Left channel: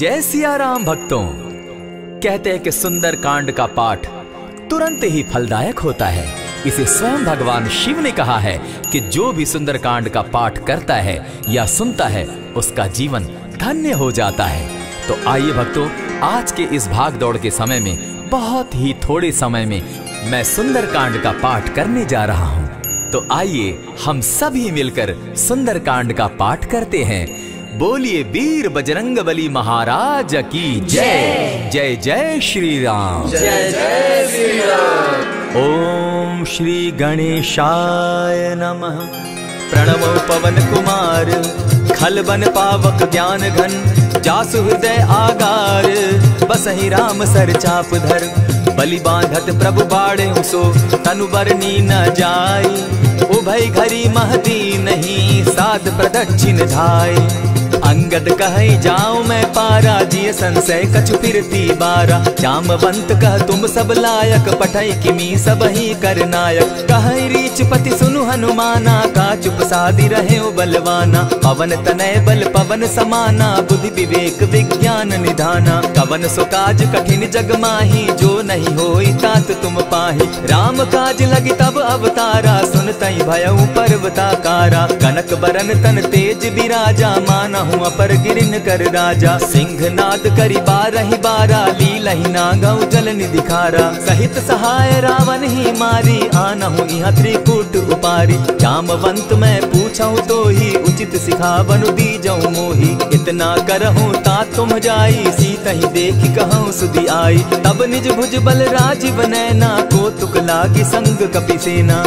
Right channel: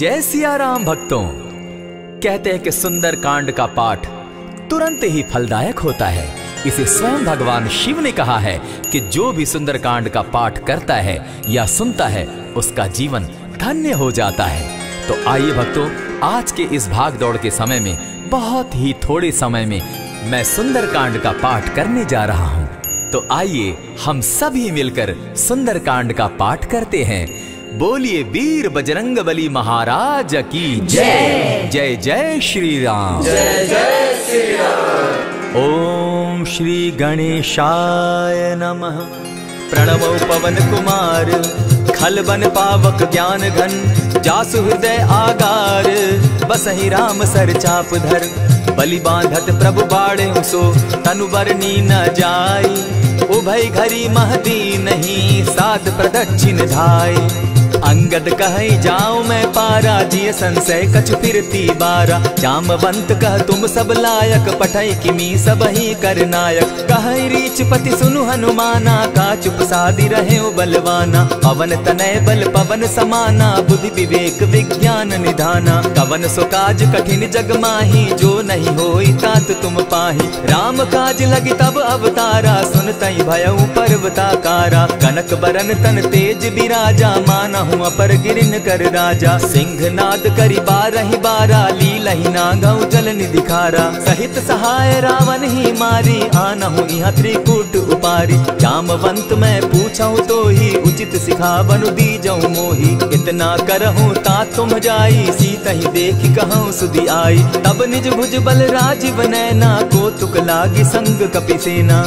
जय सिया राम भक्तों। कहते हैं कि सुंदर कांड का पाठ तुरंत ही फलदायक होता है। इसे स्वयं भगवान शिव ने कहा है कि जो भी सुंदर कांड का पाठ करता है या सुनता है उसका जीवन धन्य हो जाता है। तो आइए भक्तों, आज के इस भाग दौड़ के समय में बहुत ही थोड़े समय में मैं सुंदर कांड का पाठ करने जा रहा हूँ। तो आइए हम सभी मिलकर सुंदर कांड का पाठ करते हैं। बोलिए वीर बजरंगबली महाराज की जय। जय जय श्री राम। जय जय श्री राम। ओम श्री गणेशाय नमः। प्रणवो पवन कुमार खलबन पावक ज्ञान घन जासु हृदय आगार बसहि राम सर चाप धर बलि बांधत प्रभु बाढ़े सो तनु बरनी न जाई उभय घरी महदी नहीं साध प्रदक्षिण धाय अंगद कहे जाऊं मैं पारा जिय संशय कछु फिरती बारा जामवंत कह तुम सब लायक पठै किमी सब ही कर नायक कहे रीच पति सुनु हनुमाना का चुप सादी रहे बलवाना पवन तनय बल पवन समाना बुद्धि विवेक विज्ञान निधाना कवन सो काज कठिन जग माही जो नहीं होई तात तुम पाही राम काज लगी तब अवतारा सुनतई भयउ पर्वताकारा कनक बरन तन तेज बिराजा माना अपर गिरिन कर राजा सिंह नाद करी बारहि बारा लीलहि नागौ जल निधि खारा सहित सहाय रावण ही मारी आनहु इहाँ त्रिकूट उपारी जामवंत मैं पूछऊं तो ही उचित सिखावनु दीजऊं मोही इतना करहूं ता तुम जाई सीतहि देखि कहूं सुधि आई तब निज भुज बल राजीव नैना को तुक लागी संग कपिसेना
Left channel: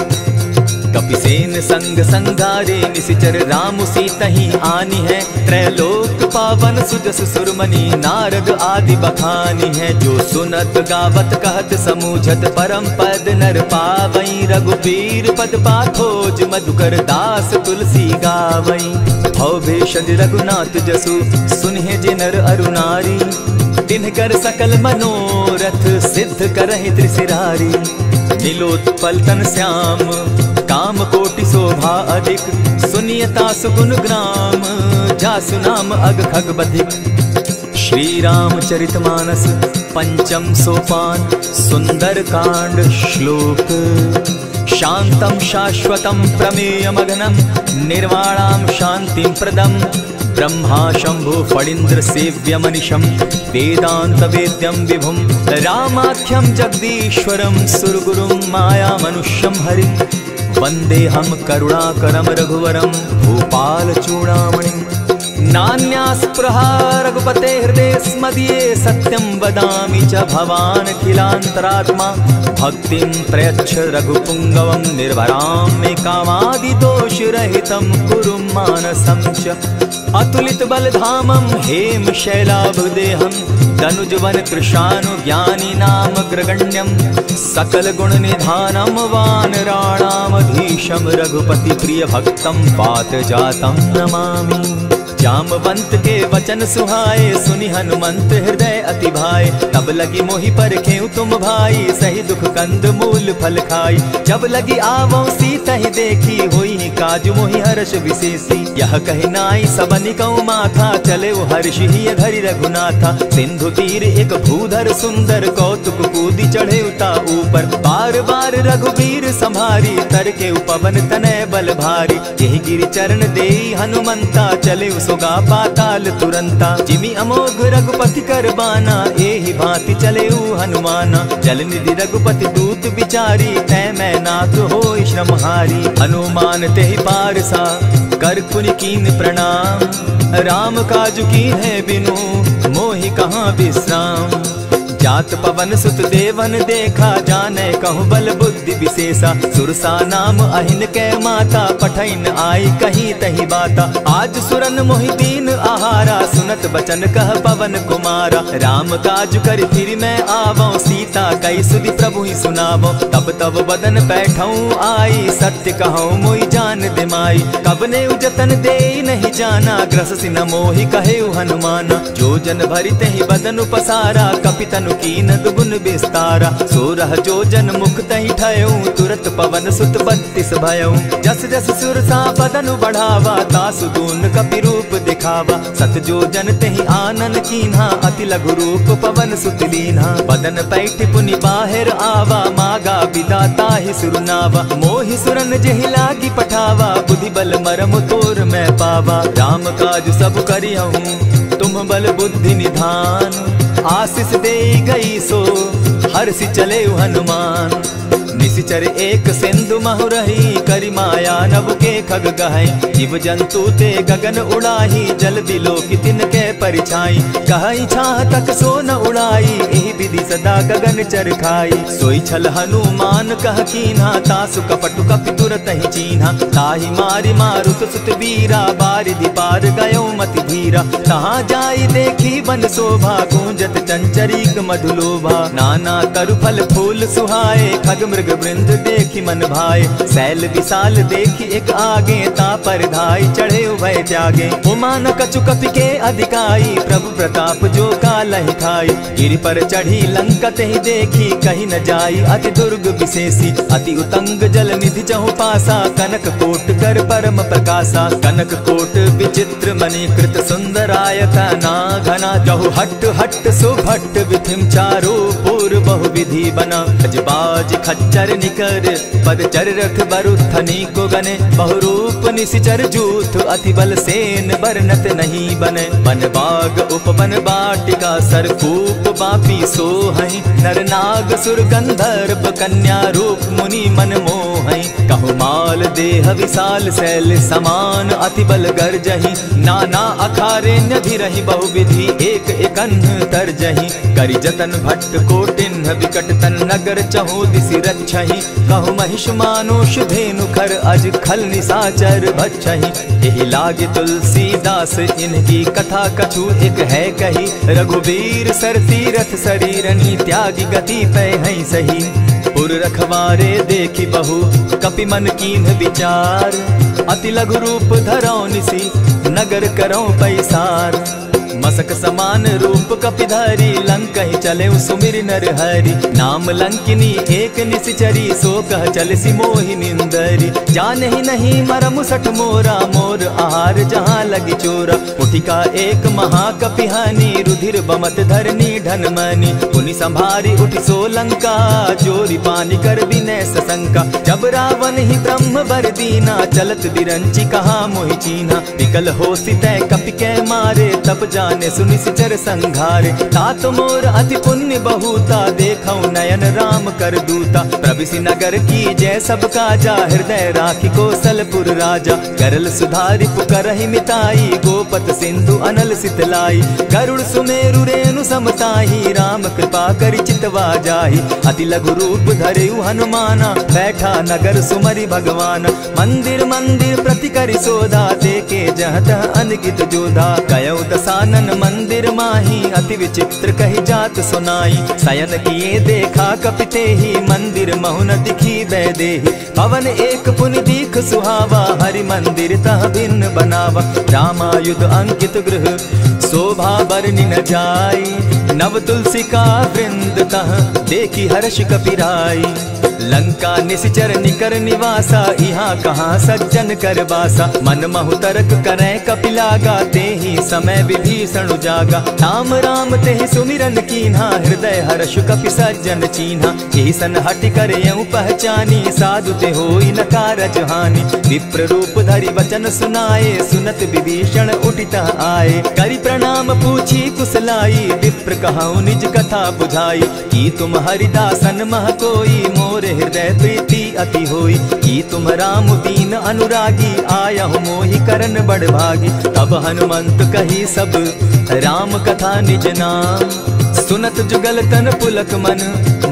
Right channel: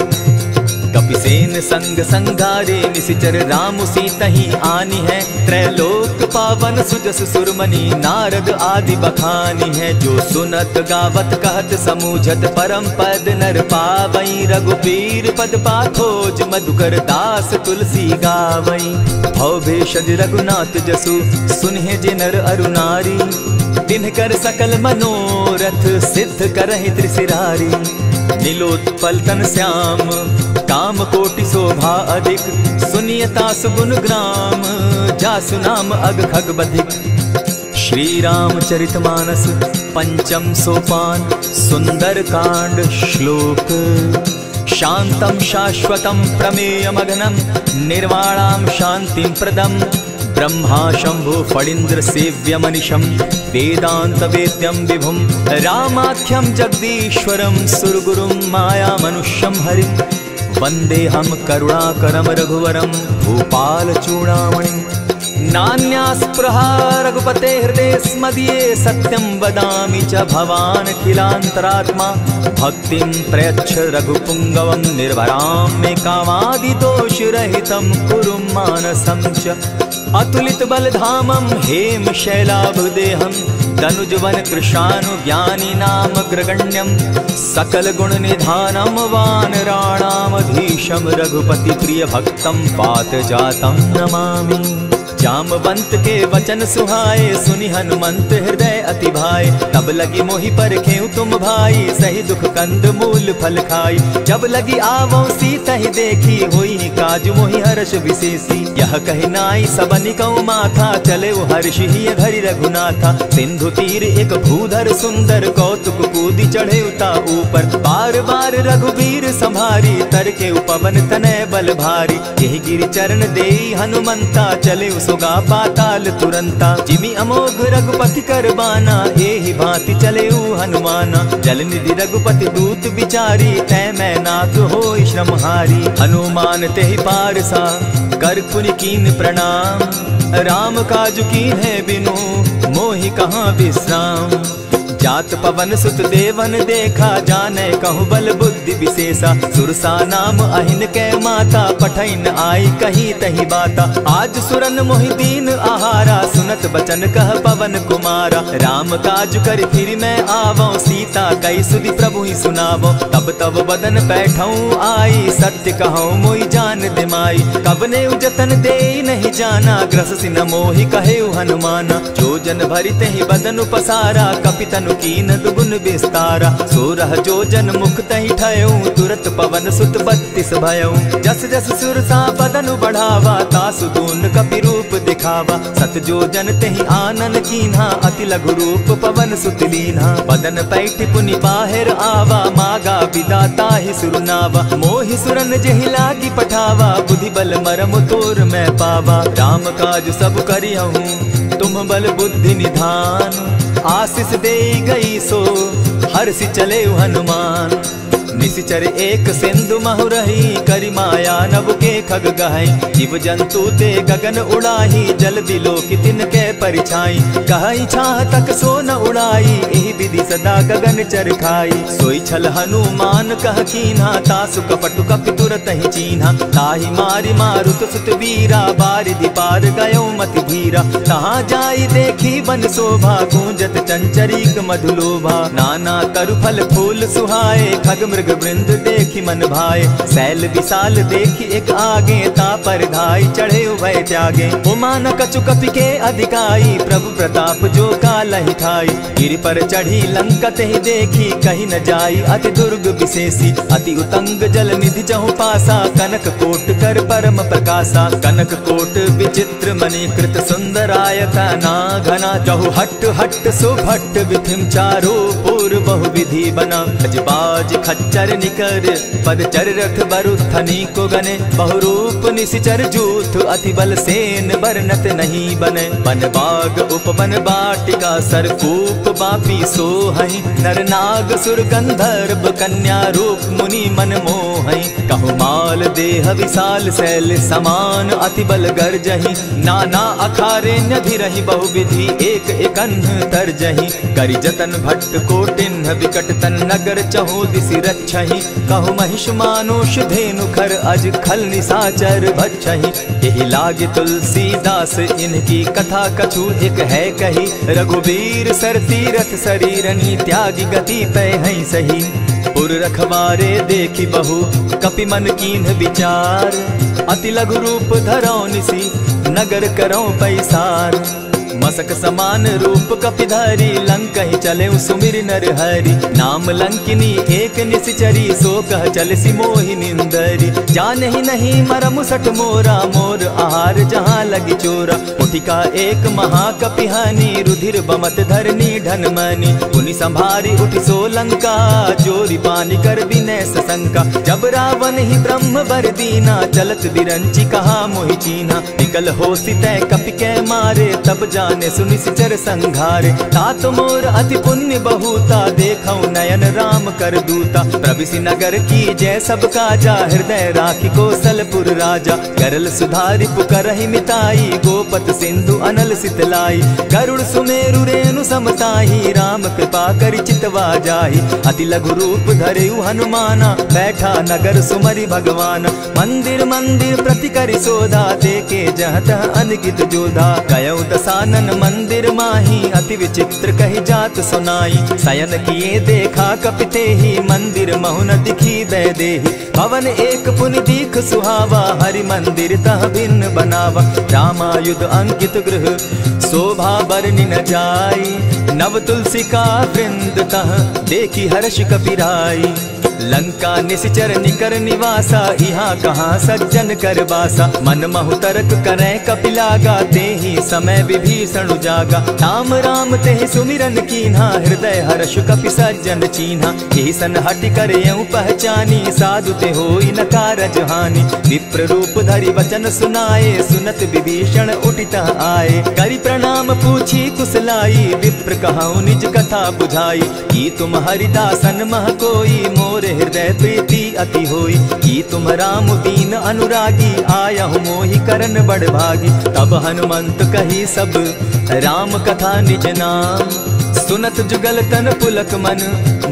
कपिसेन संग संगारे निशिचर राम सीतहि आनी है त्रैलोक पावन सुजस सुरमणि नारद आदि बखानी है जो सुनत गावत कहत समूझत परम पद नर पावई रघुबीर पद पाखोज मधुकर दास तुलसी गावई भव भेषज रघुनाथ जसु सुनहि जे नर अरु नारी तिनकर सकल मनोरथ सिद्ध करहि त्रिशिरारी नीलोत्पल तन श्याम काम कोटि शोभा अधिक सुनियता सुगुण ग्राम जासु नाम अग खग बधिक। श्री रामचरितमानस पंचम सोपान सुंदर कांड श्लोक शांतम शाश्वतम प्रमेयमघनम निर्वाणाम शांतिं प्रदम ब्रह्मा शंभु फणीन्द्र सेव्य मनिशम वेदांत वेद्यम विभुम रामाख्यम जगदीश्वरम सुरगुरुम माया मनुष्यम हरिम वंदे हम करुणाकरम रघुवरम भूपाल चूड़ामणिम नान्यास्पृहा रघुपते हृदय स्मदीये सत्यं वदामि च भवानखिलान्तरात्मा भक्तिं प्रयच्छ रघुपुंगवं निर्भरां मे कामादिदोषरहितं कुरु मानसं च अतुलित बलधामं हेम शैलाभदेहं तनुजवन कृशानु ज्ञानी नाम ग्रगण्यं सकल गुण निधानं वानराणामधीशं रघुपति प्रिय भक्तं पात जातं नमामि। जामवंत के वचन सुहाए सुनि हनुमंत हृदय अति भाए तब लगी मोहि परखेउ तुम भाई सही दुख कंद मूल फल खाई जब लगी आवो सीतहि देखी होई काज मोहि हर्ष विशेषी यह कहि नाई सबनि कौ माथा चले हर्ष ही धरि रघुनाथा सिंधु तीर एक भूधर सुंदर कौतुक कूदी चढ़े उता ऊपर बार बार रघुबीर संभारी तर के पवन तनय बल भारी यही गिरि चरण देई हनुमंता चले सोगा पाताल तुरंता जिमि अमोघ रघुपति कर बाना एहि भांति चले हनुमाना जल निधि रघुपति दूत बिचारी तै मैं नाथ होई श्रमहारी हनुमान तेहि पारसा कर पुनि कीन प्रणाम राम काजु कीन है बिनु मोहि कहाँ विश्राम जात पवन सुत देवन देखा जाने कहु बल बुद्धि विशेषा सुरसा नाम अहिन के माता पठैन आई कहीं तही बाता आज सुरन मोहि दीन आहारा सुनत बचन कह पवन कुमारा राम काज कर फिर मैं आवो सीता कई सुधि प्रभु ही सुनावो तब तब बदन बैठऊं आई सत्य कहूँ मोहि जान दिमाई कबने उजतन दे नहीं जाना ग्रस सिन मोहि कहे हनुमाना जो जन भरित ही बदन पसारा कपितनु कीन दुगुन विस्तारा। 16 जोजन मुख तहि ठयऊ, तुरत पवन सुत 32 भयऊ। जस जस सुरसा बदन बढ़ावा, तासु दून कपि रूप दिखावा। 7 जोजन तेहि आनन कीन्हा, अति लघु रूप पवन सुत लीन्हा। बदन पैठ पुनि बाहिर आवा, मागा बिदा ताहि सुरनावा। मोहि सुरन जेहि लागी पठावा, बुद्धि बल मरम तोर मैं पावा। राम काज सब करिहूँ, तुम बल बुद्धि निधान। आशीष दे गई सो हर्षि चले हनुमान। निशिचर एक सिंधु महु रही, करि माया नभ के खग गहई। जीव जंतु ते गगन उड़ाही, जल बिलो की तिनके परिछाई। कहई छाह तक सो न उड़ाई, एहि विधि सदा गगन चर खाई। सोई छल हनुमान कह कीन्हा, तासु कपटु कपि तुरत ही चीन्हा। ताहि मारि मारुत सुत वीरा, बारिधि पार गयो मति धीरा। तहाँ जाई देखी बन शोभा, गूंजत चंचरीक मधुलोभा। नाना तरु फल फूल सुहाए, खग मृग वृंद देखी मन भाए। सैल विशाल देखी एक आगे, ता पर धाई चढ़े उभय त्यागे। उमान कछु कपि के अधिकाई, प्रभु प्रताप जो कालहि खाई। गिरि पर चढ़ी लंका तेहि देखी, कहीं न जाई अति दुर्ग विशेषी। अति उतंग जल निधि चहु पासा, कनक कोट कर परम प्रकाशा। कनक कोट विचित्र मणिकृत सुंदरायता ना घना। जहु हट हट सुभट विधिम चारो पूर्व बहु विधि बना। अजबाज खच्चर निकर पदचर रथ बरुथनी को गने। बहुरूप निशिचर जूथ अति बल सेन बरनत नहीं बने। बन बाग उपवन बाटिका सरकूप बापी सोहई। नर नाग सुर गंधर्व कन्या रूप मुनि मन मोहई। कहु माल देह विशाल शैल समान, अति बल गर्जही। नाना अखारे न्यधिरहि बहुविधि, एक एकन्ह तरजही। करि जतन भट्ट कोटिन्ह विकट तन नगर, चहु दिसि रक्षहि। कहु महिष मानुष धेनु खर, अज खल निशाचर भक्षहि। एहि लागे तुलसीदास इनकी कथा, कछु एक है कही। रघुबीर सर तीरथ शरीरनी, त्यागी गति पै हई सही। पुर रखवारे देखी बहु, कपि मन कीन्ह विचार। अति लघु रूप धरौ निसी, नगर करौ पैसार। मसक समान रूप कपिधारी, लंक ही चले सुमिर नर हरि। नाम लंकिनी एक निशिचरी, सो कह चल सी मोहि निंदरी। जाने ही नहीं मरम सठ मोरा, मोर आहार जहाँ लगी चोरा। उठिका एक महाकपिहानी, रुधिर बमत धरनी ढन मनी। पुनि संभारी उठि सो लंका, जोरी पानी कर विनय सशंका। जब रावण ही ब्रह्म बर दीना, चलत बिरंची कहा मोहि चीन्हा। निकल हो सितै कपि के मारे, तब जाने सुनिशिचर संघारे। तात मोर अति पुण्य बहुता, देखौ नयन राम कर दूता। प्रविशि नगर की जय सब काजा, हृदय राखी कौशलपुर राजा। करल सुधारि पुकरहि मिताई, गोपत सिंधु अनल सितलाई। गरुड़ सुमेरु रेणु समताही, राम कृपा करि चितवा जाहि। अति लघु रूप धरेउ हनुमाना, बैठा नगर सुमरि भगवान। मंदिर मंदिर प्रति करि सोधा, देखे जहाँ तह अनगित जोधा। गयौ दसानन मंदिर माही, अति विचित्र कही जात सुनाई। शयन किए देखा कपिते ही, मंदिर महु न दिखी बैदेही। भवन एक पुनि दीख सुहावा, हरि मंदिर तह भिन्न बनावा। रामायुध अंकित गृह, शोभा बरनि न जाई। नव तुलसी का वृंद तह, देखी हर्ष कपिराई। लंका निशिचर निकर निवासा, यहाँ कहाँ सज्जन कर बासा। मन महु तरक करे कपिलागा, तेहि समय विभीषण जागा। राम राम तेहि सुमिरन कीन्हा, हृदय हर्ष कपि सज्जन चीन्हा। एहि सन हटि करयउ पहचानी, साधु ते होई न कारज हानि। विप्र रूप धरि वचन सुनाए, सुनत विभीषण उठित आए। करि प्रणाम पूछी कुशलाई, विप्र कहौ निज कथा बुझाई। की तुम हरिदासन मह कोई, मोर हृदय प्रीति अति होई। की तुम राम दीन अनुरागी, आयहु मोहि करन बड़ भागी। तब हनुमंत कही सब राम कथा निज नाम। सुनत जुगल तन पुलक मन,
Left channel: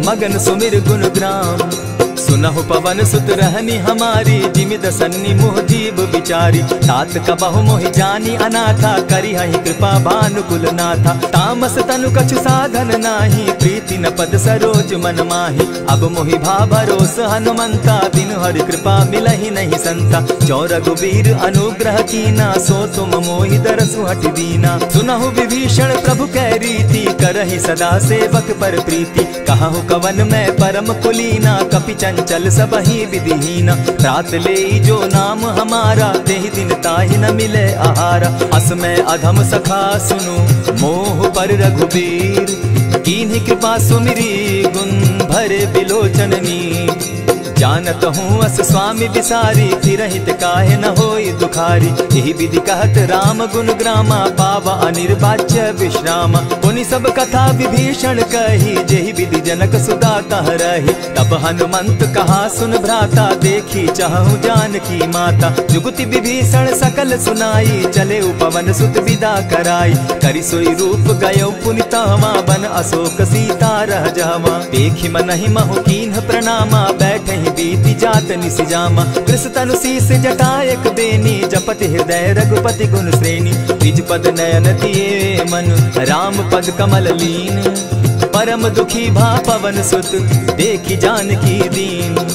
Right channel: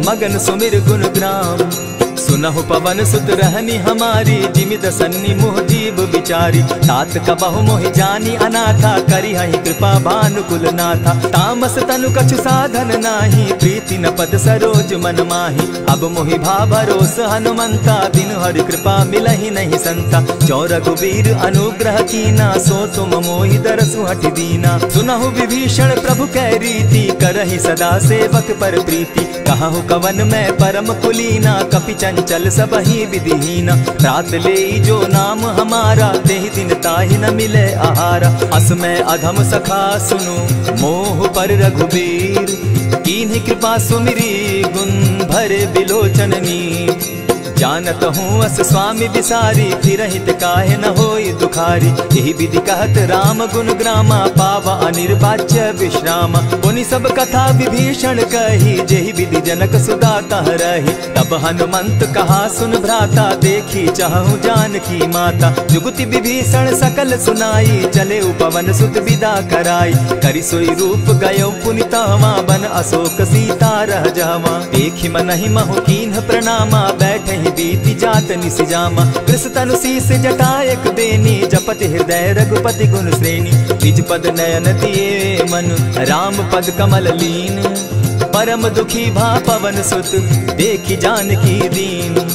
मगन सुमिर गुण ग्राम। सुनहु पवन सुत रहनी हमारी, जिमि दसन्नी मुह जीव विचारी। तात कबहु मोहि जानी अनाथा, करी हहि कृपा भानुकुल नाथा। तामस तनु कछु साधन नाही, प्रीति न पद सरोज मन माही। अब मोहि भा भरोस हनुमंता, बिनु हरि कृपा मिलहि नहीं संता। जो रघुबीर अनुग्रह कीना, सो तुम मोहि दरसु हठि दीना। सुनहु विभीषण प्रभु कै रीति, करहि सदा सेवक पर प्रीति। कहु कवन मैं परम कुलीना, कपि चंचल सबहि विधिहीना। रात ले जो नाम हमारा, तेहि दिन ताहि न मिले आहारा। अस मैं अधम सखा सुनु, मोह पर रघुबीर। कीन्ही कृपा सुमिरी, गुण भरे बिलोचन नीर। जानत हूँ अस स्वामी विसारी, फिर हित काहे न होई दुखारी। यही विधि कहत राम गुण ग्रामा, पावा अनिर्वाच्य विश्रामा। पुनि सब कथा विभीषण कही, जेहि विधि जनक सुदा कह रही। तब हनुमंत कहा सुन भ्राता, देखी चाहूँ जानकी माता। जुगति विभीषण सकल सुनाई, चले उपवन सुत विदा कराई। करि सोई रूप गयो पुनि तहवा, बन अशोक सीता रह जावा। देखी मनहि महु कीन्ह प्रणामा, बैठे बीती जात निसिजामा। कृष तनु शीस जटायक बेनी, जपति हृदय रघुपति गुण श्रेणी। निज पद नयन दिए मन, राम पद कमल लीन। परम दुखी भा पवन सुत, देखी जानकी दीन।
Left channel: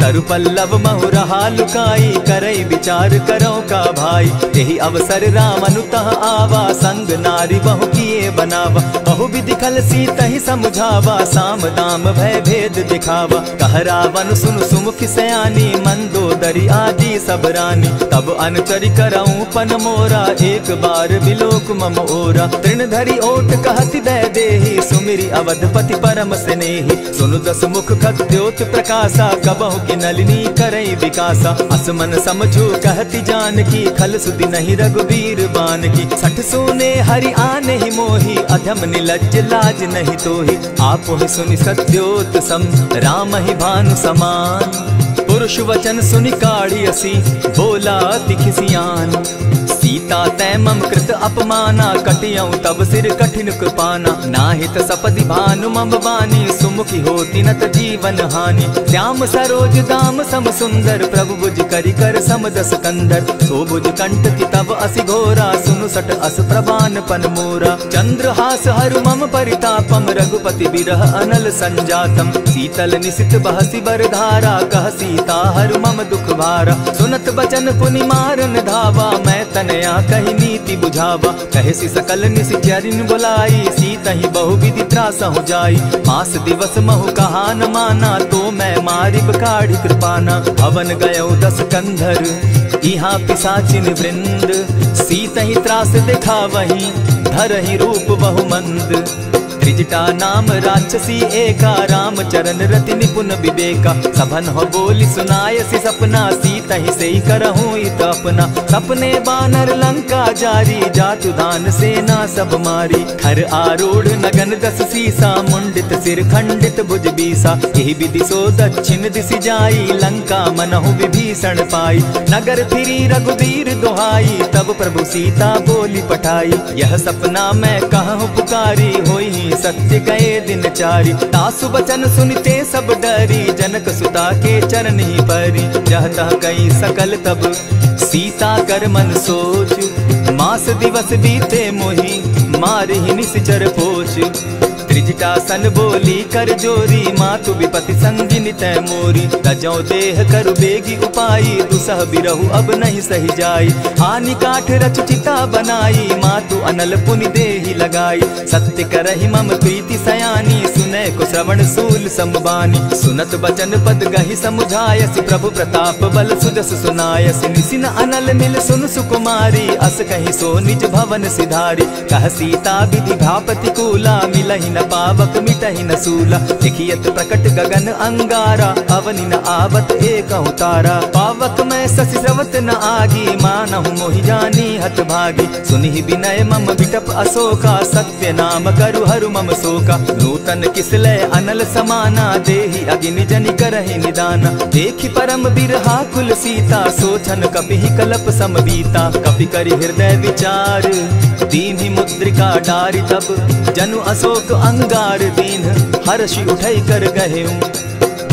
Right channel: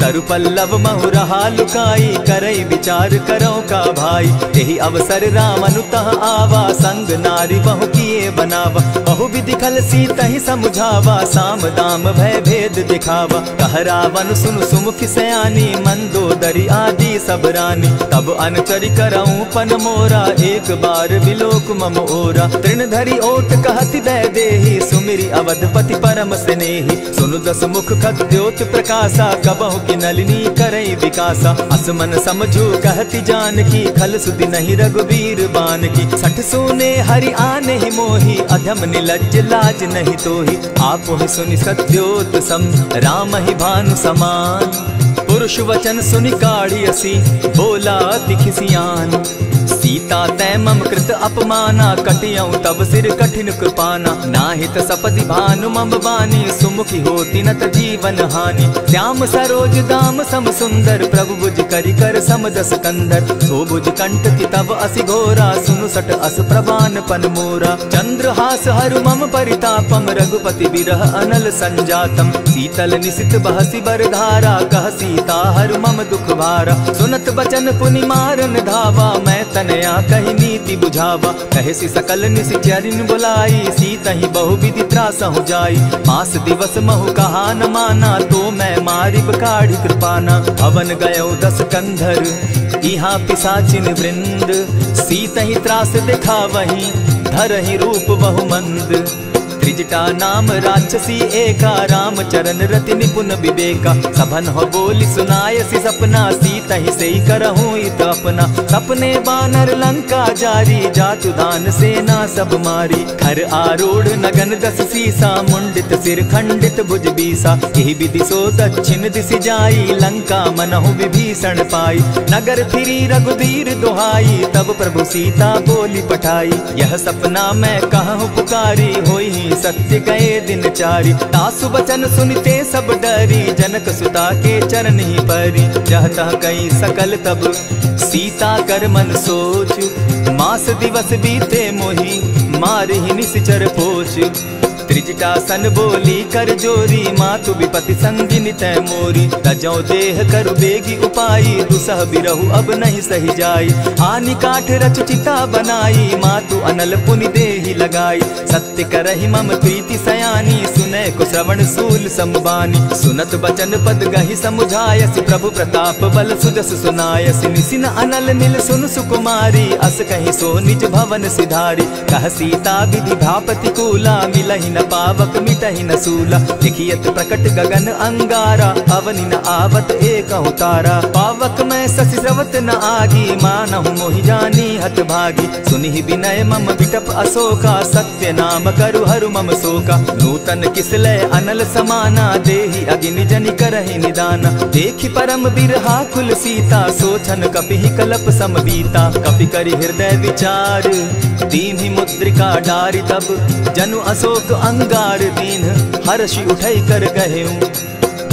तरु पल्लव महु रहा लुकाई, करई विचार करो का भाई। यही अवसर राम अनुतः आवा, संग नारी बहु किए बनावा। बहु विधि खल सीतहि समुझावा, साम दाम भय भेद दिखावा। कह रावण सुन सुमुख सयानी, मंदोदरी आदि सब रानी। तब अनुचरि करऊं पन मोरा, एक बार बिलोक मम ओरा। तृण धरि ओट कहति दै देहि, सुमिरि अवधपति परम स्नेही। सुनु दस मुख खद्योत प्रकाशा, कबहु की नलिनी करई विकासा। असमन समझो कहती जानकी, खल सुधि नहीं रघुबीर बान की। सठ सोने हरि आने ही मोही, अधम निलज्ज लाज नहीं तोही। आप ही सुनि सत्योत सम, राम ही भानु समान। पुरुष वचन सुनि काढ़ी असी, बोला तिखिसियान। सीता तै मम कृत अपमाना, कटियऊ तब सिर कठिन कृपाना। नाहित सपदि भानु मम बानी, सुमुखी होती नत जीवन हानि। श्याम सरोज दाम सम सुंदर, प्रभु बुझ करि कर सम दस कंदर। सो बुझ कंठ की तब असि घोरा, सुनु सट अस प्रवान पन मोरा। चंद्रहास हरु मम परितापम, रघुपति बिरह अनल संजातम। शीतल निशित बहसी बरधारा, कह सीता हरु मम दुख भारा। सुनत बचन पुनि मारन धावा, मैं तनया कही नीति बुझावा। कहे सी सकल निश्चरिन बुलाई, सीतहि बहु विधि त्रास हो जाई। मास दिवस महु कहा न माना, तो मैं मारिब काढ़ी कृपाना। भवन गयो दस कंधर, इहाँ पिशाचिन वृंद। सीतहि त्रास दिखावहि, धरहि रूप बहु मंद। त्रिजटा नाम राक्षसी एका, राम चरण रति निपुण विवेका। सभन हो बोली सुनायसी सपना, सीतहि सेई करहूँ इत अपना। सपने बानर लंका जारी, जातु दान सेना सब मारी। खर आरूढ़ नगन दस सीसा, मुंडित सिर खंडित भुज बीसा। यही विधि सो दक्षिण दिशि जाई, लंका मनहु विभीषण पाई। नगर फिरी रघुबीर दुहाई, तब प्रभु सीता बोली पठाई। यह सपना मैं कहूँ पुकारी, होई सत्य गए दिन चारी। तासु बचन सुनते सब डरी, जनक सुता के चरण ही परी। जहता कई सकल तब सीता कर मन सोच, मास दिवस बीते मोही, मारि ही निश्चर पोच। त्रिजटा सन बोली कर जोरी, मातु विपति संगिनी तै मोरी। तजौ देह करु बेगी उपाई, दुसह बिरहु अब नहीं सही जाई। हानि काठ रच चिता बनाई, मातु अनल पुनि देहि लगाई। सत्य करहि मम प्रीति सयानी, सुनै को श्रवण सूल समबानी। सुनत बचन पद गहि समुझायसि, प्रभु प्रताप बल सुजस सुनायसि। निसिन अनल मिल सुन सुकुमारी, अस कहि सो निज भवन सिधारी। कह सीता विधि भापति कूला, मिलहि न पावक मिटहि न सूला। लिखियत प्रकट गगन अंगारा, अवनि न आवत एकहु तारा। पावक मैं शशि स्रवत न आगी, मानहु मोहि जानी हत भागी। सुनिहि विनय मम बिटप अशोका, सत्य नाम करु हरु मम शोका। नूतन किसलय अनल समाना, देहि अगिनि जनि करहि निदाना। देखि परम बिरहा कुल सीता, सोचन कपिहि कलप समबीता। कपि करि हृदय विचार, दीन्हि मुद्रिका डारि। तब जनु अशोक अंगार दीन, हर्षि उठै कर गहेऊ।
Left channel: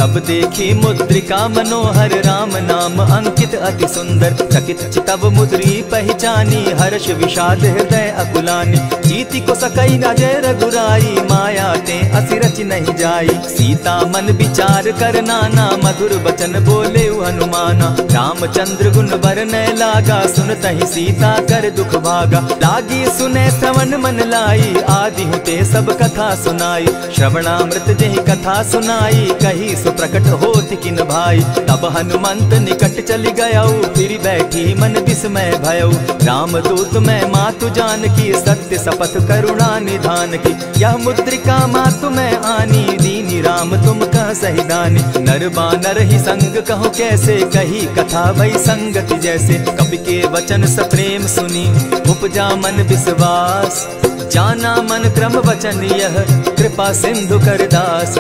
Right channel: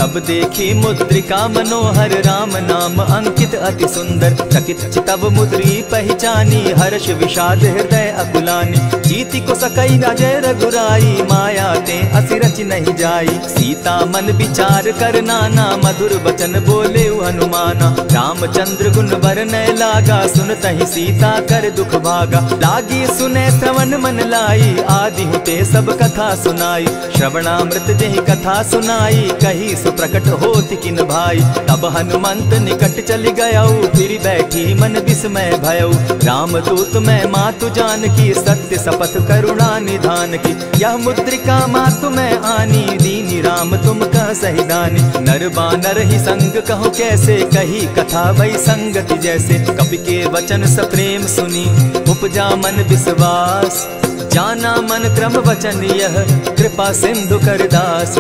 तब देखी मुद्रिका मनोहर राम नाम अंकित अति सुंदर। चकित चितव मुद्री पहचानी हर्ष विषाद हृदय अकुलानी। जीति को सकई अजय रघुराई माया ते असि रच नहीं जाई। सीता मन विचार कर नाना मधुर बचन बोले हनुमाना। रामचंद्र गुण बरनय लागा सुनतहि सीता कर दुख भागा। लागी सुने श्रवण मन लाई आदि हुते सब कथा सुनाई। श्रवणामृत जेहि कथा सुनाई कही सो प्रकट होति किन भाई। तब हनुमंत निकट चली गयऊ फिर बैठी मन विस्मय भयऊ। रामदूत मैं मातु जानकी सत्य शपथ करुणा निधान की। यह मुद्रिका मातु मैं आनी दीनी राम तुम कह सही दानी। नर बानर ही संग कहो कैसे कही कथा भई संगति जैसे। कपि के वचन सप्रेम सुनी उपजा मन विश्वास। जाना मन क्रम वचन यह कृपा सिंधु कर दास।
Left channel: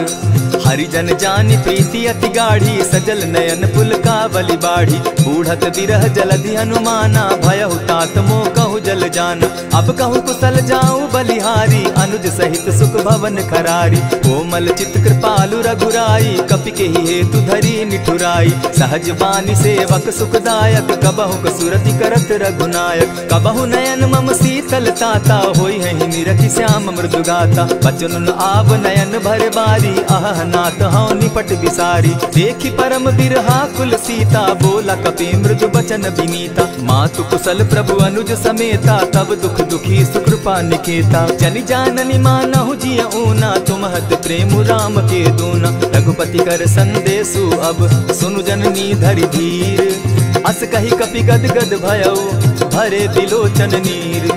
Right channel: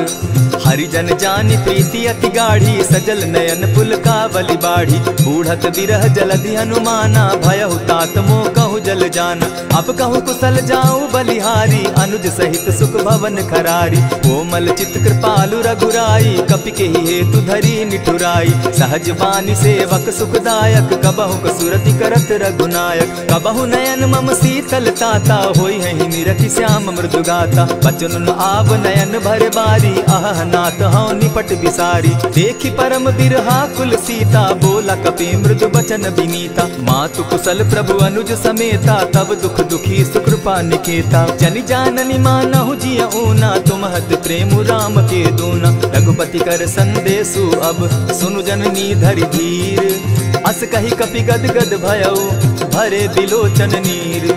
हरिजन जानी प्रीति अति गाढ़ी सजल नयन पुल का बलि बाढ़ी। बूढ़त बिरह जलधि हनुमाना भयहु तात मोह कहु जल जाना। अब कहु कुशल जाऊं बलिहारी अनुज सहित सुख भवन खरारी। कोमल चित कृपालु रघुराई कपि के ही हेतु धरी निठुराई। सहज बानी सेवक सुखदायक कबहु कसुरति करत रघुनायक। कबहु नयन मम शीतल ताता होई है निरखि श्याम मृदु गाता। बचन आव नयन भर बारी आह नाथ हौ निपट बिसारी। देखी परम बिरहा कुल सीता बोला कपि मृदु बचन विनीता। मातु कुशल प्रभु अनुज समेता तब दुख दुखी सुकृपा निकेता। जनि जाननी मानहु जिय ऊना तुम्हत प्रेम राम के दूना। रघुपति कर संदेशु अब सुनु जननी धरि धीर। अस कही कपि गद गद भयऊ भरे बिलोचन नीर।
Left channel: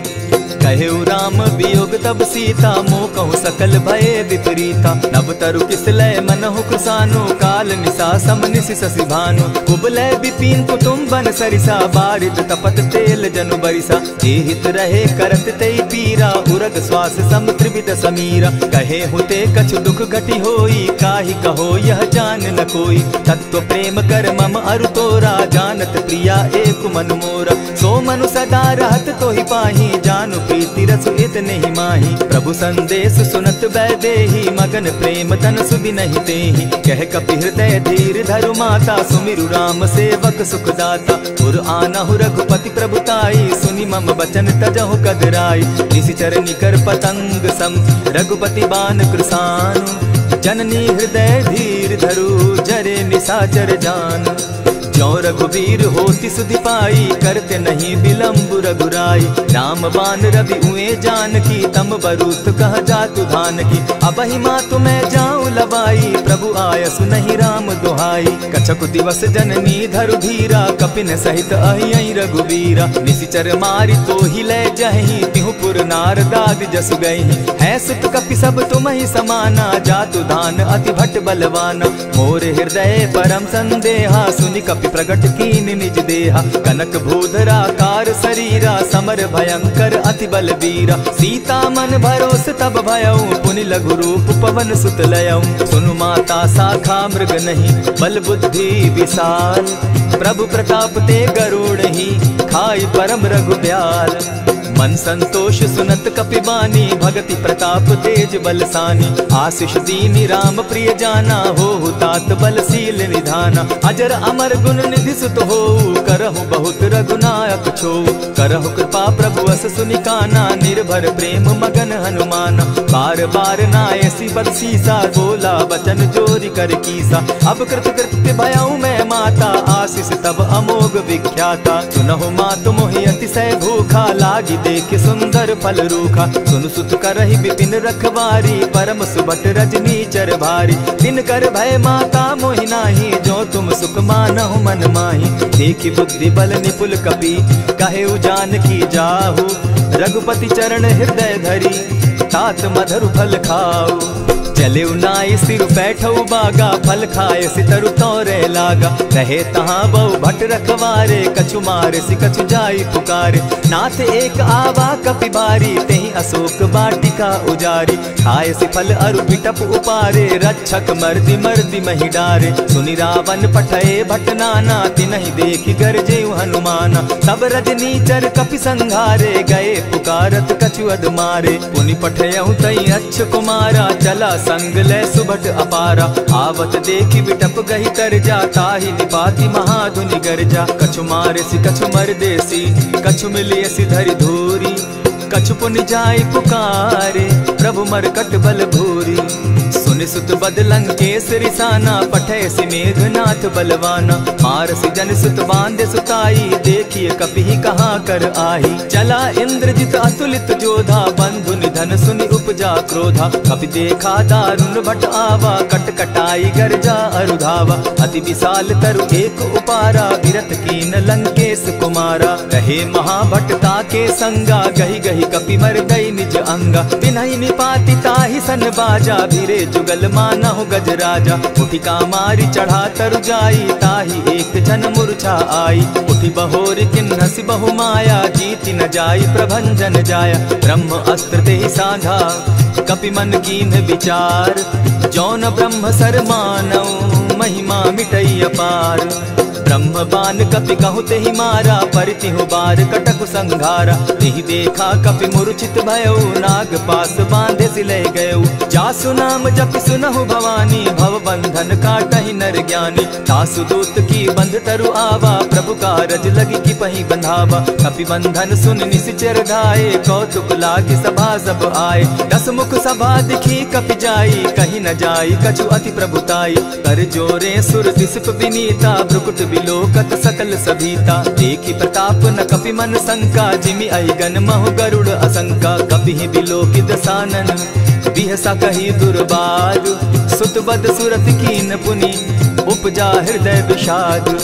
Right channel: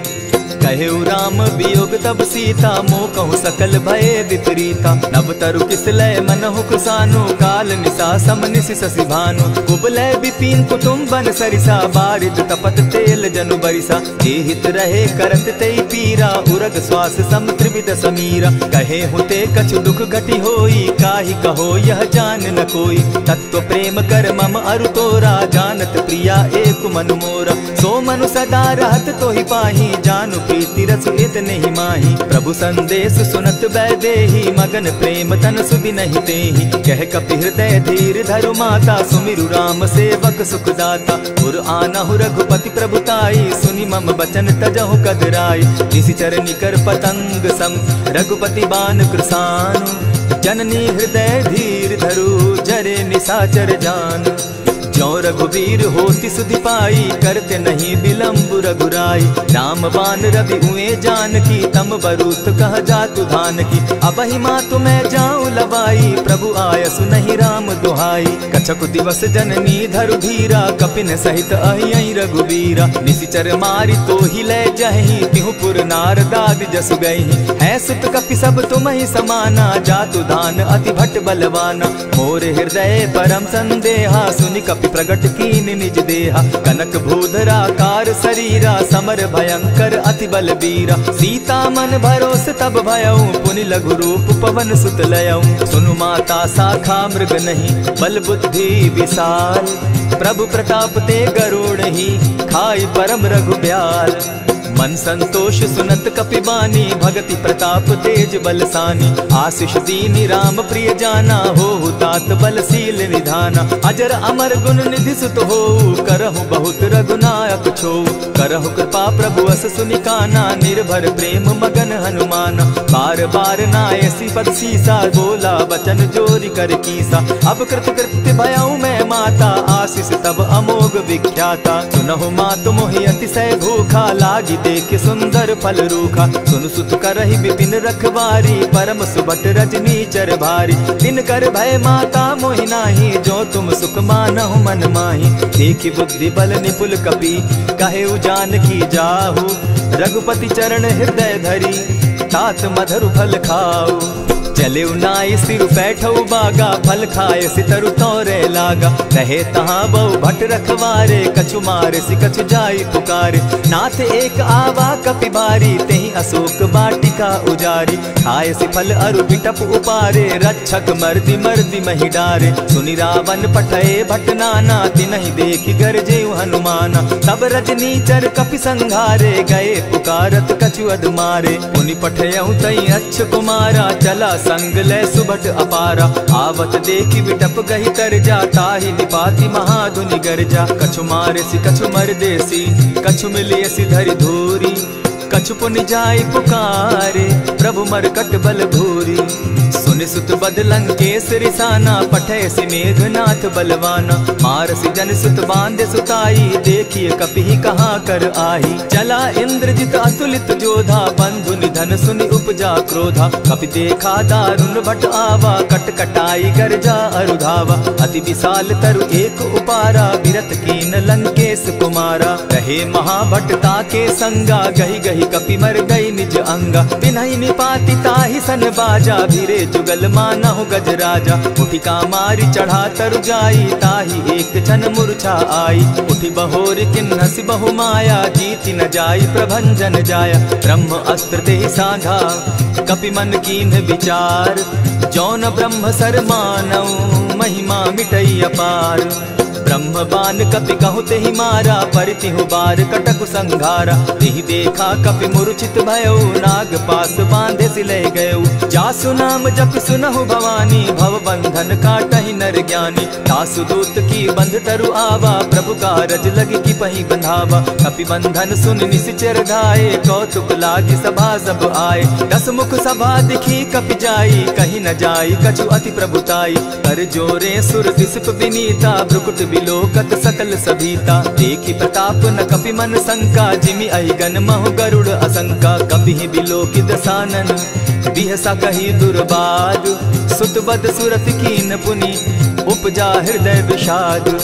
कहेउ राम वियोग तब सीता मोह कहु सकल भय विपरीता। नव तरु किसलय मनहु कुसानु काल निशा समनिशि शशि भानु। कुबलय विपिन कुटुम्बन सरिसा बारिद तपत तेल जनु बरिसा। जे हित रहे करत तेई पीरा उरग श्वास सम त्रिविध समीरा। कहे हुते कछु दुख घटी होई काहि कहो यह जान न कोई। तत्व प्रेम कर मम अरु तोरा जानत प्रिया एक मनु मोरा। सो मनु सदा रहत तोहि पाही जानु प्रीति रसु इतने ही माही। प्रभु संदेश सुनत वैदेही मगन प्रेम तन सुधि नहीं तेहि। कह कपि हृदय धीर धरु माता सुमिरु राम सेवक सुखदाता। उर आनहु रघुपति प्रभुताई सुनि मम बचन तजहु कदराई। निशिचर निकर पतंग सम रघुपति बान कृसानु। जननी हृदय धीर धरु जरे निशाचर जान। ज्यों रघुवीर होति सुधि पाई करते नहीं विलम्ब रघुराई। राम बान रवि उए जानकी तम बरूत कह जातु धान की। अबहि मातु मैं जाऊं लवाई प्रभु आयसु नहीं राम दुहाई। कछक दिवस जननी धरु धीरा कपिन सहित अहियहि रघुवीरा। निशिचर मारि तो ही लय जहि तिहु पुर नारदादि जसु गई। है सुत कपि सब तुम ही समाना जातु धान अति भट बलवाना। मोर हृदय परम संदेहा सुनि कपि प्रगट कीन निज देहा। कनक भूधराकार शरीरा समर भयंकर अति बलबीरा। सीता मन भरोस तब भयऊ पुनि लघु रूप पवन सुत लयऊ। सुनु माता शाखा मृग नहीं बल बुद्धि विशाल। प्रभु प्रताप ते गरुड़ ही खाई परम रघु ब्याल। मन संतोष सुनत कपि बानी भगति प्रताप तेज बलसानी। आशीष दीनी राम प्रिय जाना हो तात बलशील निधाना। अजर अमर गुण निधि सुत हो करहु बहुत रघुनायक छो। करहु कृपा प्रभु अस सुनि काना निर्भर प्रेम मगन हनुमाना। बार बार नायसी पद सीसा बोला बचन जोरी कर कीसा। अब कृत कृत्य भयऊ मैं माता आशीष तब अमोघ विख्याता। सुनहु मातु मोहि अतिशय भूखा लागी देख सुंदर फल रूखा। सुन सुत करहि विपिन रखवारी परम सुबट रजनी चर भारी। दिन कर भय माता मोहि नाही जो तुम सुख मानहु मन माही। देखी बुद्धि बल निपुल कपि कहेउ जानकी जाहु। रघुपति चरण हृदय धरी तात मधुर फल खाऊ। चले नाई सिर बैठऊ बागा फल खाए सितरु तोरे लागा। कहे तहाँ बहु भट रखवारे कछु मारे सि कछु जाई पुकारे। नाथ एक आवा कपि बारी तेहि अशोक बाटिका उजारी। खाए सि फल अरु बिटप उपारे रक्षक मर्दि मर्दि महि डारे। सुनि रावण पठये भट नाना तिनहि देखि गरजेउ हनुमाना। तब रजनीचर कपि संघारे गए पुकारत कछु अध मारे। पुनि पठयउ तई अच्छ कुमारा चला संग ले सुभट अपारा। आवत देखी विटप गही तर जाता ही निपाति महाधुनि गर्जा। कछु मारे सी कछु मर देसी, कछु मिले सी धरि धूरी। कछु पुनि जाय पुकारे, प्रभु मरकट बल भूरी। सुनि सुत बद लंकेश रिसाना, पठे सि मेघनाथ बलवाना। मार सि जन सुत बांधे सुताई, देखिए कपि कहाँ कर आही। चला इंद्रजित अतुलित जोधा, बंधु निधन सुनि उपजा क्रोधा। कपि देखा दारुण भट आवा, कट कटाई गर्जा अरुधावा। अति विशाल तरु एक उपारा, विरत कीन लंकेश कुमारा। रहे महाभट ताके संगा, गही गही कपि मर गई निज अंगा। तिन्हि निपाति ताहि सन बाजा, भीरे जुगल मानहु गजराजा। उठिका मारी चढ़ा तरु जाई, ताहि एक जन मूर्छा आई। उठि बहोर किन्हसि बहु माया, जीति न जाई प्रभंजन जाया। ब्रह्म अस्त्र तेहि साधा, कपि मन कीन्ह विचार। जौन ब्रह्म सर मानऊ, महिमा मिटई अपार। ब्रह्म बान कपि कहु तेहि मारा, परितिहु बार कटक संघारा। तेहि देखा कपि मूर्छित भयउ, नाग पास बांधे सिले गयउ। जासु नाम जपि सुनहु भवानी, भव बंधन काटहि नर ज्ञानी। तासु दूत की बंध तरु आवा, प्रभु कारज लगी की पही बंधावा। कपि बंधन सुन निसिचर धाये, कौतुक लागी सभा सब आए। दस मुख सभा दिखी कपि जाई, कहीं न जाई कछु अति प्रभुताई। कर जोरे सुर दिसप विनीता, ब्रुकुट बिलोकत सकल सभीता। देखी प्रताप न कपि मन शंका, जिमि अहिगन महु गरुड़ असंका। कपि बिलोकि दसानन, बिहसा कही दुर्बाद। सुत बद सुरत कीन पुनि, उपजा हृदय विषाद।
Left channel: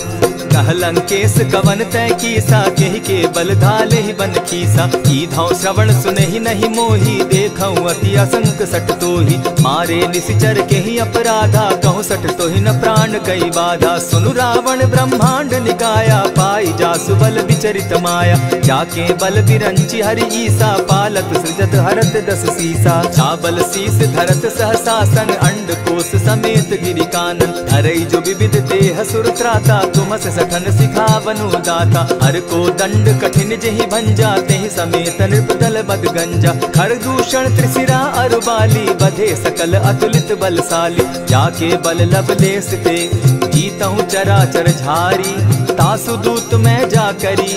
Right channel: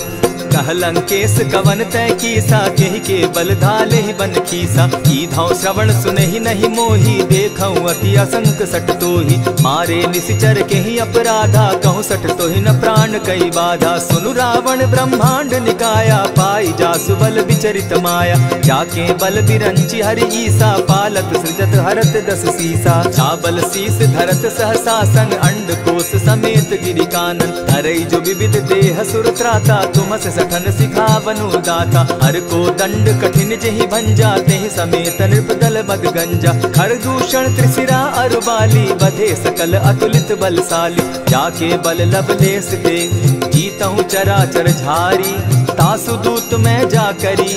कह लंकेश कवन तय कीसा, केहि के बल धाले ही बन खीसा। कीधौ श्रवण सुने ही नहीं मोही, देखऊं अति असंक सट तोही। मारे निसिचर केहि अपराधा, कहूँ सट तोहि न प्राण कई बाधा। सुनु रावण ब्रह्मांड निकाया, पाई जासु बल विचरित माया। जाके बल बिरंची हरि ईसा, पालत सृजत हरत दस सीसा। चाबल शीस धरत सहसासन, अंड कोश समेत गिरि कानन। धरई जो विविध देह सुर त्राता, तुमस सठन सिखावनु दाता। हर को दंड कठिन जेहि भंजा, तेहि समेत नृपदल बग गंजा। खर दूषण त्रिशिरा अरुबाली, बधे सकल अतुलित बलशाली। जाके बल लवलेस ते, जीतहु चराचर झारी। तासु दूत मैं जा करी,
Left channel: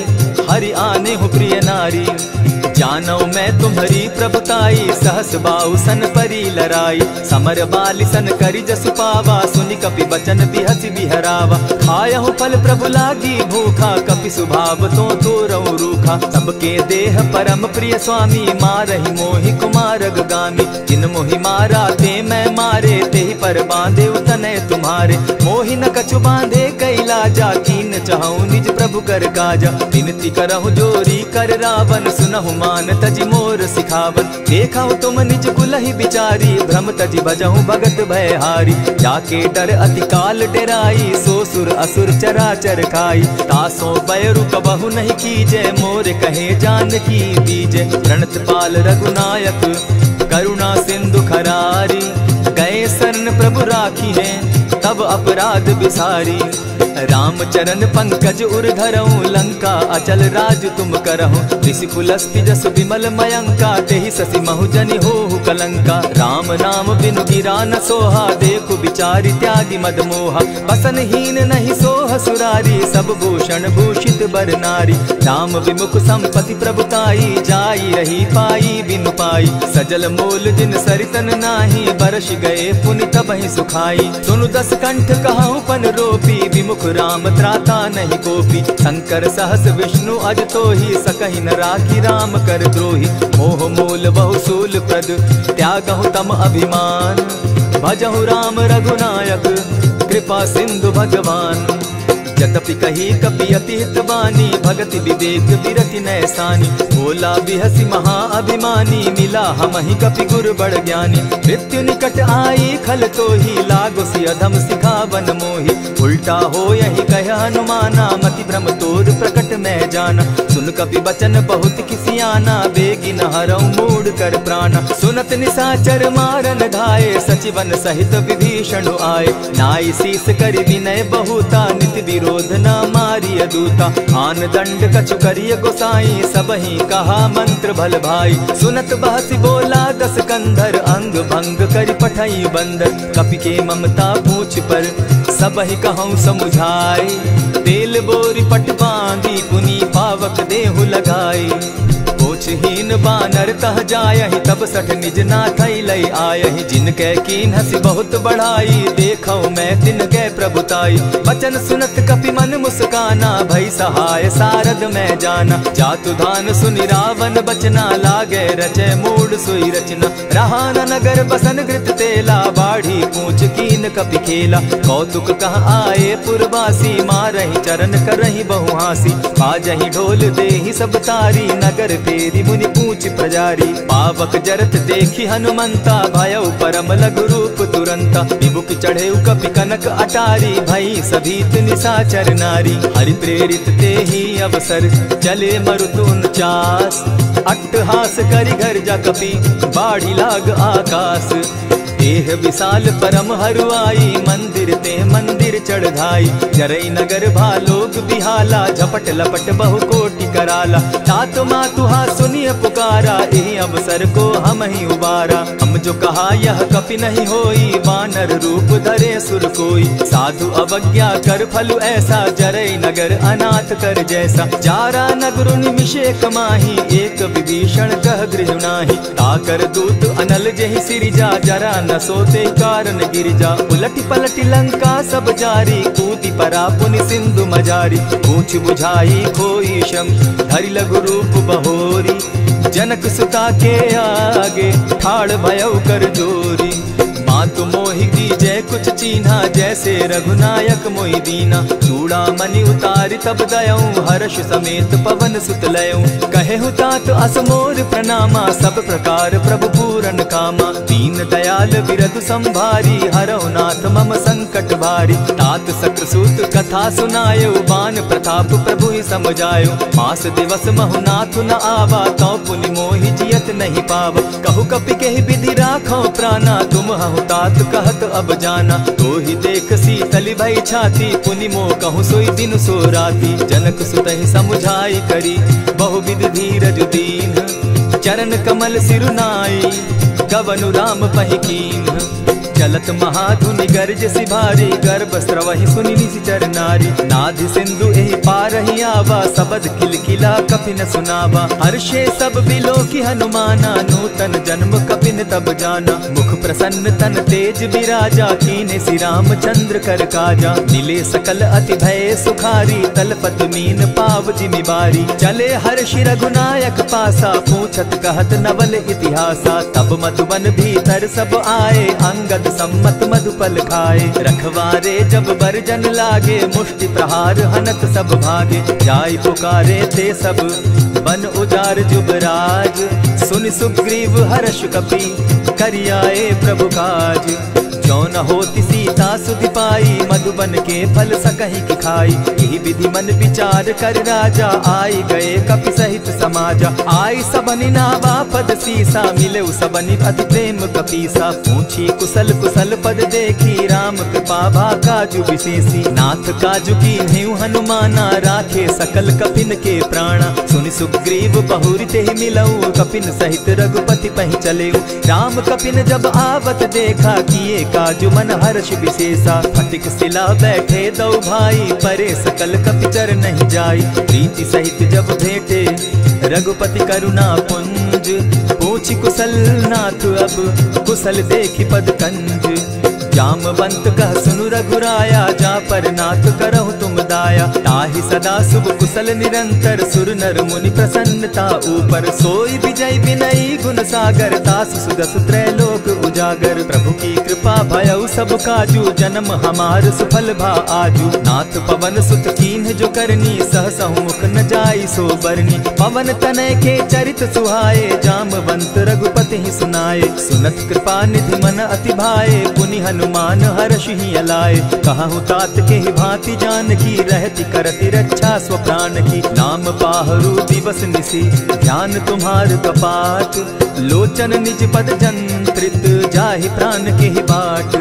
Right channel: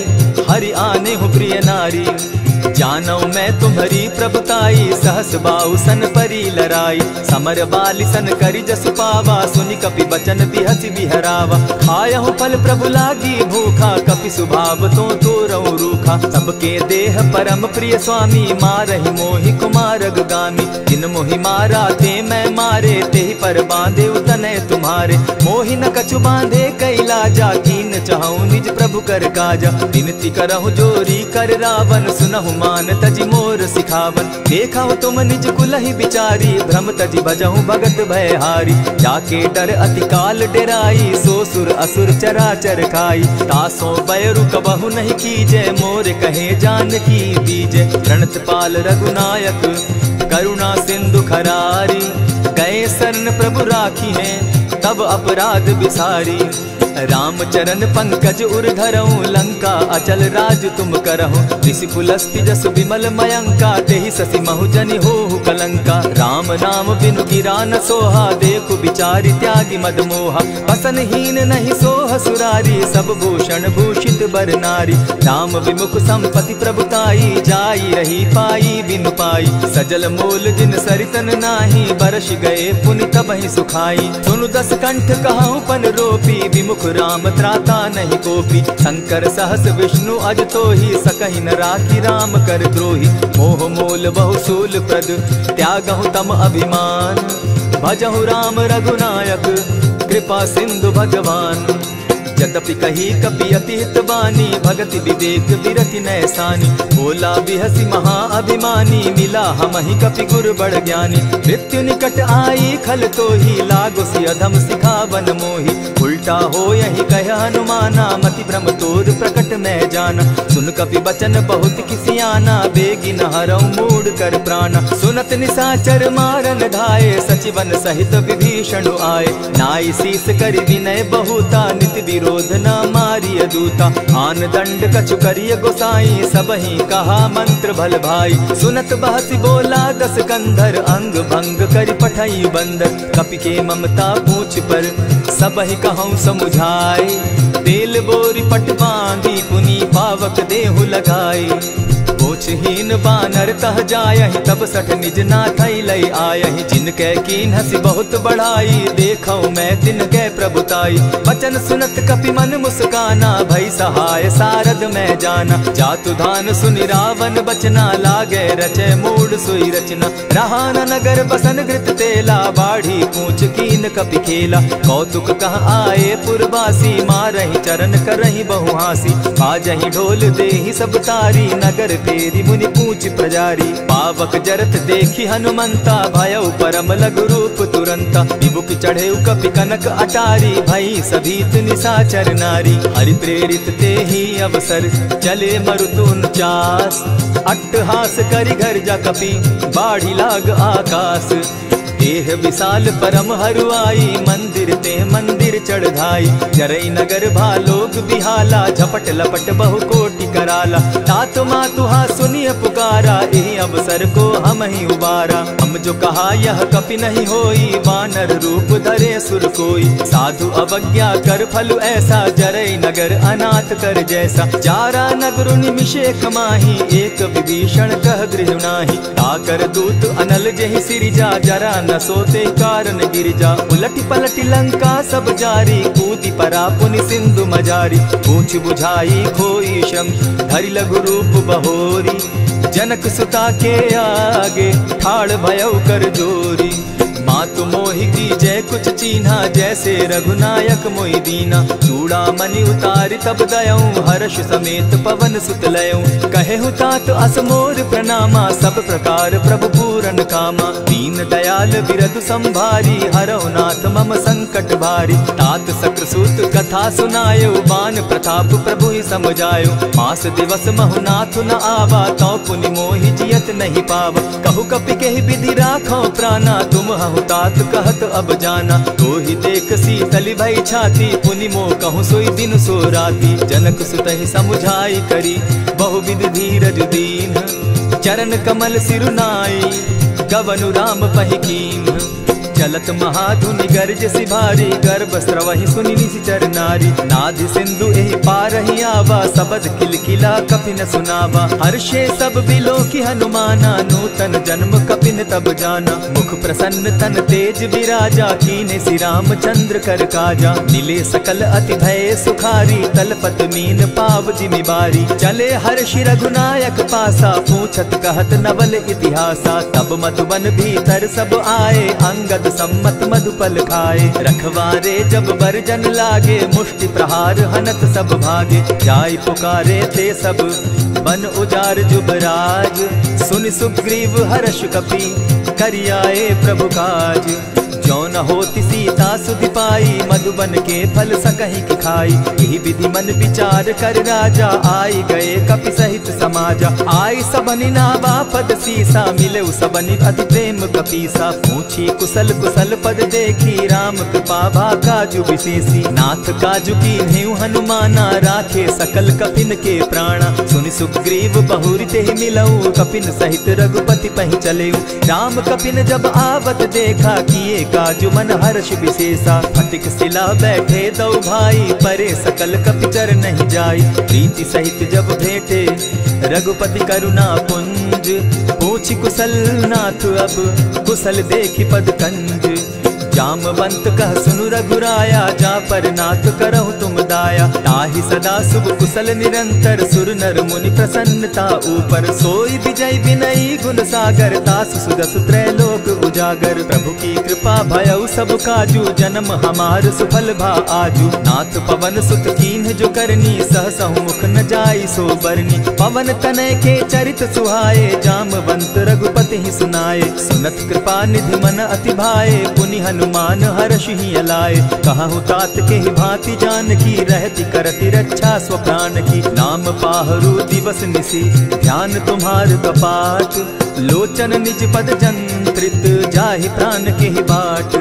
हरि आने हूँ प्रिय नारी। जानौ मैं तुम्हारी प्रभुताई, सहस बाहु सन परी लराई। समर बाली सन करि जसु पावा, सुनि कपि बचन बिहसि बिहरावा। खायहु फल प्रभु लागी भूखा, कपि सुभाव तो तोरऊ रूखा। सबके देह परम प्रिय स्वामी, मारहि मोहि कुमारग गामी। जिन मोहि मारा ते मैं मारे, तेहि पर बांधे उतने तुम्हारे। मोहि न कछु बांधे कैलाजा, कीन चाहूं निज प्रभु कर काजा। विनती करहु जोरी कर रावण, सुनहु मान तजि मोर सिखावन। देखा तुम निज कुलहि बिचारी, भ्रम तजि भजहु भगत भयहारी। जाके डर अति काल डेराई, सो सुर असुर चराचर खाई। तासो बैरु कबहु नहीं कीजे, मोर कहे जानकी बीजे। प्रणत पाल रघुनायक, करुणा सिंधु खरारी। गए शरण प्रभु राखी हैं, तब अपराध बिसारी। राम चरण पंकज उर धरऊं, लंका अचल राज तुम करहूं। ऋषि पुलस्ति जस विमल मयंका, तेहि ससि महु जनि होहु कलंका। राम नाम बिनु गिरा न सोहा, देखु बिचारी त्यागी मद मोहा। बसन हीन नहीं सोह सुरारी, सब भूषण भूषित बर नारी। राम विमुख संपति प्रभुताई, जाई रही पाई बिनु पाई। सजल मोल जिन सरितन नाही, बरस गए पुनि तबहि सुखाई। सुनु दस कंठ कहूँ पन रोपी, विमुख राम त्राता नहीं कोपी। शंकर सहस विष्णु अज तो ही, सकहि न राखी राम कर द्रोही। मोह मोल बहुसूल प्रद, त्यागहु तम अभिमान। भजहु राम रघुनायक, कृपा सिंधु भगवान। जतपि कही कपि अति हितवानी, भगति विवेक विरति नैसानी। बोला बिहसि महा अभिमानी, मिला हमहि कपि गुर बड़ ज्ञानी। मृत्यु निकट आई खल तो ही, लागो सि अधम सिखावन मोही। उल्टा हो यही कह हनुमाना, मति भ्रम तोर प्रकट मैं जाना। सुन कपि बचन बहुत किसियाना, बेगी न हरऊं मूढ़ कर प्राणा। सुनत निशाचर मारन धाये, सचिवन सहित विभीषण आए। नाई शीस करि विनय बहुता, नित क्रोध न मारिय दूता। आन दंड कछु करिय गोसाई, सबहि कहा मंत्र भल भाई। सुनत बहसी बोला दस कंधर, अंग भंग करि पठई बंदर। कपि के ममता पूछ पर, सबहि कहूँ समुझाई। तेल बोरी पट बांधी, पुनि पावक देहु लगाई। पोछहीन बानर तह जायहि, तब सठ निज नाथई लई आयहि। जिनके कीन हसी बहुत बढ़ाई, देखौ मैं तिनके प्रभुताई। बचन सुनत कपि मन मुस्काना, भई सहाय सारद मैं जाना। जातु धान सुनि रावण बचना, लागे रचे मूड सोई रचना। रहा न नगर बसन घृत तेला, बाढ़ी पूछ कीन कपि खेला। कौतुक कह आए पुरवासी, मारहि चरण करहि बहु हासी। बाजहि ढोल देहि सब तारी, नगर फेरी मुनि पूछ प्रजारी। पावक जरत देखी हनुमंता, भयउ परम लघु रूप तुरंता। विमुख चढ़े कपि कनक अटारी, भई सभीत निशाचर नारी। हरि प्रेरित ते ही अवसर, चले मरुतु 49। अट्टहास करि घर जा कपि, बाढ़ी लाग आकाश। देह विशाल परम हरुआई, मंदिर ते मंदिर चढ़ाई। जरई नगर भालोग बिहाला, झपट लपट बहु कोटि कराला। तात मातुहा सुनिय पुकारा, एहि अवसर को हम ही उबारा। हम जो कहा यह कपि नहीं होई, वानर रूप धरे सुर कोई। साधु अवज्ञा कर फल ऐसा, जरई नगर अनाथ कर जैसा। जारा नगर निमिषे कमाही, एक विभीषण कह गृह नाही। ताकर दूत अनल जहि सिरिजा, जरा न सोते कारण गिरिजा। उलटी पलटी लंका सब जारी, कूदी परा पुनि सिंधु मजारी। पूछ बुझाई खोई श्रम, धरि लघु रूप बहोरी। जनक सुता के आगे, ठाड़ भयउ कर जोरी। मातु मोहि दीजै कुछ चीन्हा, जैसे रघुनायक मोहि दीना। चूड़ामणि उतारि तब दयऊं, हर्ष समेत पवन सुत लयऊं। कहेहु तात असमोर प्रणामा, सब प्रकार प्रभु पूरन कामा। दीन दयाल बिरधु संभारी, हरौ नाथ मम संकट भारी। तात सक्रसूत कथा सुनायो, बान प्रताप प्रभु ही समझायो। मास दिवस महु नाथ न आवा, तौ पुनि मोहि जियत नहीं पावा। कहु कपि केहि विधि राखो प्राणा, तुम हहु तात कहत अब जाना। तो ही देख शीतल भई छाती, पुनि मो कहूँ सोई दिन सो राती। जनक सुतहि समुझाई करी, बहुविध धीरज दीन। चरण कमल सिरुनाई, गवनु राम पहि कीन। चलत महाधुनि गर्ज सिभारी, गर्भ स्रवहि सुनि निशिचर नारी। नाधि सिंधु एहि पारहि आवा, सबद खिलखिला कपि न सुनावा। हर्षे सब बिलो की हनुमाना, नूतन जन्म कपि न तब जाना। मुख प्रसन्न तन तेज विराजा, कीने श्री रामचंद्र कर काजा। मिले सकल अति भय सुखारी, तलपत मीन पाव जिमि बारी। चले हर्षि रघुनायक पासा, पूछत कहत नवल इतिहासा। तब मधुबन भीतर सब आए, अंगद सम्मत मधुपल खाए। रखवारे जब बरजन लागे, मुष्टि प्रहार हनत सब भागे। जाय पुकारे ते सब, बन उजार जुबराज। सुनि सुग्रीव हर्ष कपि, करियाए प्रभु काज। जो न होती सीता सुधि पाई, मधुबन के फल सकहि की खाई। यही विधि मन विचार कर राजा, आई गए कपि सहित समाजा। आई सबनि नावा पद सीसा, मिले सबनि अति प्रेम कपीसा। पूछी कुशल कुशल पद देखी, राम कृपा भा काजु विशेषी। नाथ काजु कीन्हेउ हनुमाना, राखे सकल कपिन के प्राणा। सुनि सुग्रीव बहुरि तेहि मिलऊ, कपिन सहित रघुपति पहि चलेऊ। राम कपिन जब आवत देखा, किए काजु मन हर्ष विशेषा। फटिक सिला बैठे दो भाई, परे सकल कपिचर नहीं जाई। प्रीति सहित जब भेटे, रघुपति करुणा पुंज। पूछि कुशल नाथ अब, कुशल देखि पद कंज। जामवंत कह सुनु रघुराया, जा पर नाथ करहु तुम दाया। ताहि सदा शुभ कुशल निरंतर, सुर नर मुनि प्रसन्नता ऊपर। सोई विजय विनयी गुण सागर, तास सुदस त्रैलोक उजागर। प्रभु की कृपा भयउ सब काजू, जन्म हमार सुफल भा आजू। नाथ पवन सुत कीन्ह जो करनी, सहसहु मुख न जाई सो बरनी। पवन तनय के चरित सुहाए, जामवंत रघुपति ही सुनाए। सुनत कृपा निधि मन अति भाए, पुनि हनुमान हर्ष ही अलाए। कहूँ तात के ही भांति जान की, रहती करती रक्षा स्व प्राण की। नाम पाहरु दिवस निसी, ध्यान तुम्हार कपाट। लोचन निज पद जंत्रित, जाहि प्राण के ही बाट।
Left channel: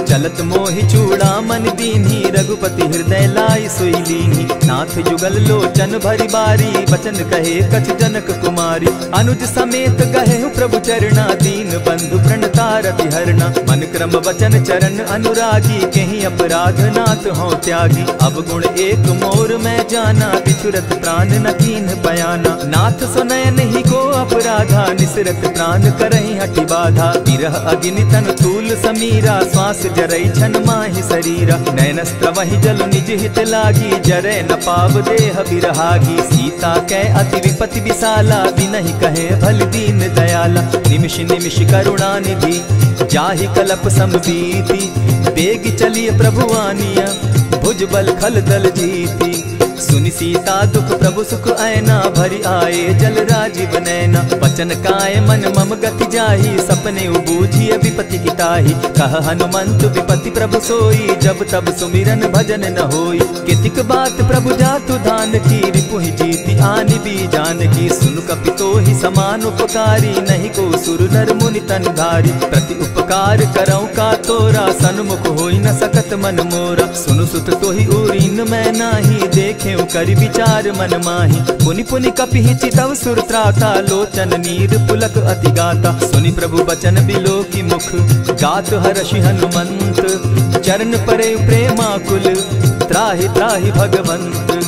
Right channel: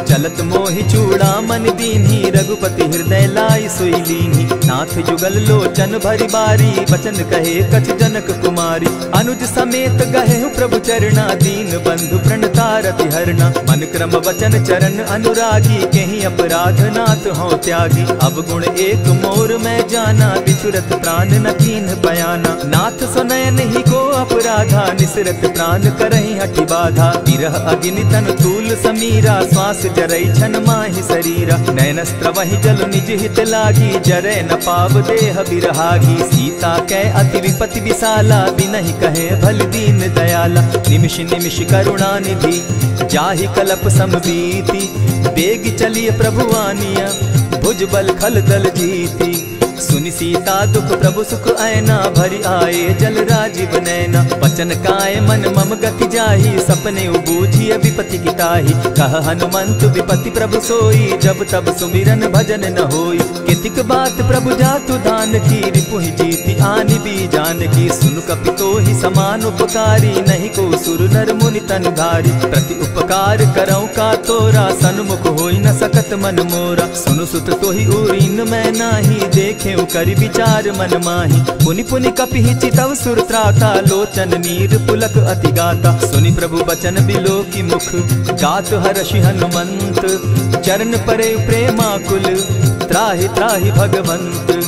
चलत मोहि चूड़ामन दीन्ही, रघुपति हृदय लाई सोई लीन्ही। नाथ जुगल लोचन भरी बारी, बचन कहे कछ जनक कुमारी। अनुज समेत गहे प्रभु चरणा, दीन बंधु प्रणतारति हरना। मन क्रम वचन चरण अनुरागी, कहीं अपराध नाथ हो त्यागी। अब गुण एक मोर में जाना, बिछुरत प्राण न कीन बयाना। नाथ सुनयन ही को अपराधा, निसरत प्राण करहि हठि बाधा। विरह अग्नि तन तूल समीरा, श्वास जरई छन माहि शरीरा। नयनस्त्र वही जल निज हित लागी, जरै न पाव देह बिरहागी। सीता कै अति विपति विशाला, बिनहि कहे भल दीन दयाला। निमिष निमिष करुणा निधि, जाहि कलप समबीति। बेग चलिए प्रभु आनिया, भुजबल खल दल जीती। सुनि सीता दुख प्रभु सुख ऐना, भरि आए जल राजीव नैना। बचन काय मन मम गति जाहि, सपने बूझिय विपति किताहि। कह हनुमंत विपति प्रभु सोई, जब तब सुमिरन भजन न होई। कितिक बात प्रभु जातु धान की, रिपुहि जीति आनि भी जानकी। सुन कपितोहि समान उपकारी, नहीं को सुर नर मुनि तन धारी। प्रति उपकार करऊं का तोरा, सन्मुख होई न सकत मन मोरा। सुनु सुत तोहि उरीन मैं नाही, देखे करि विचार मन माही। पुनि पुनि कपिहि चितव सुर त्राता, लोचन नीर पुलक अति गाता। सुनि प्रभु बचन बिलो की मुख, गात हर्षि हनुमंत। चरण परे प्रेमाकुल, त्राहि त्राहि भगवंत।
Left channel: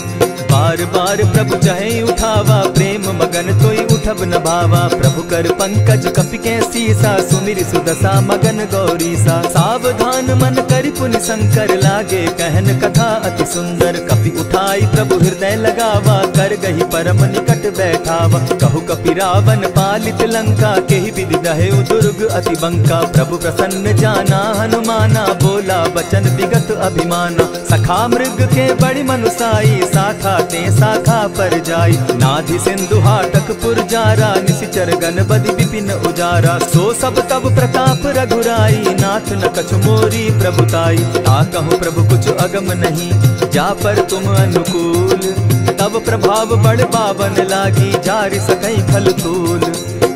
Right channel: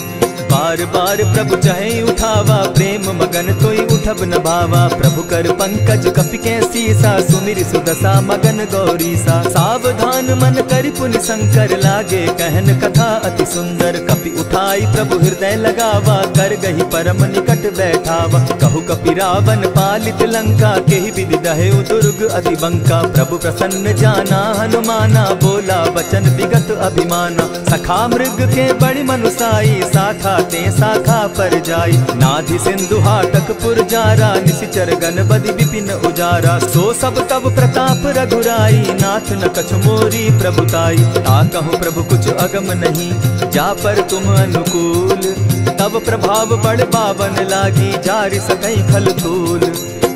बार बार प्रभु चहे उठावा, प्रेम मगन तोई उठब न भावा। प्रभु कर पंकज कपि के सीसा, सुमिर सुदशा मगन गौरीसा। सावधान मन करि पुनि शंकर, लागे कहन कथा अति सुंदर। कपि उठाई प्रभु हृदय लगावा, कर गही परम निकट बैठावा। कहु कपि रावण पालित लंका, केहि विधि दहेउ दुर्ग अति बंका। प्रभु प्रसन्न जाना हनुमाना, बोला वचन विगत अभिमाना। सखा मृग के बड़ी मनुसाई, साखा ते शाखा पर जाई। नाधि सिंधु हाटक पुर जारा, निशिचर गण बदि विपिन उजारा। सो सब तब प्रताप रघुराई, नाथ न कछु मोरी प्रभुताई। ता कहूँ प्रभु कुछ अगम नहीं, जा पर तुम अनुकूल। तब प्रभाव बड़ पावन लागी, जारि सकई खल तूल।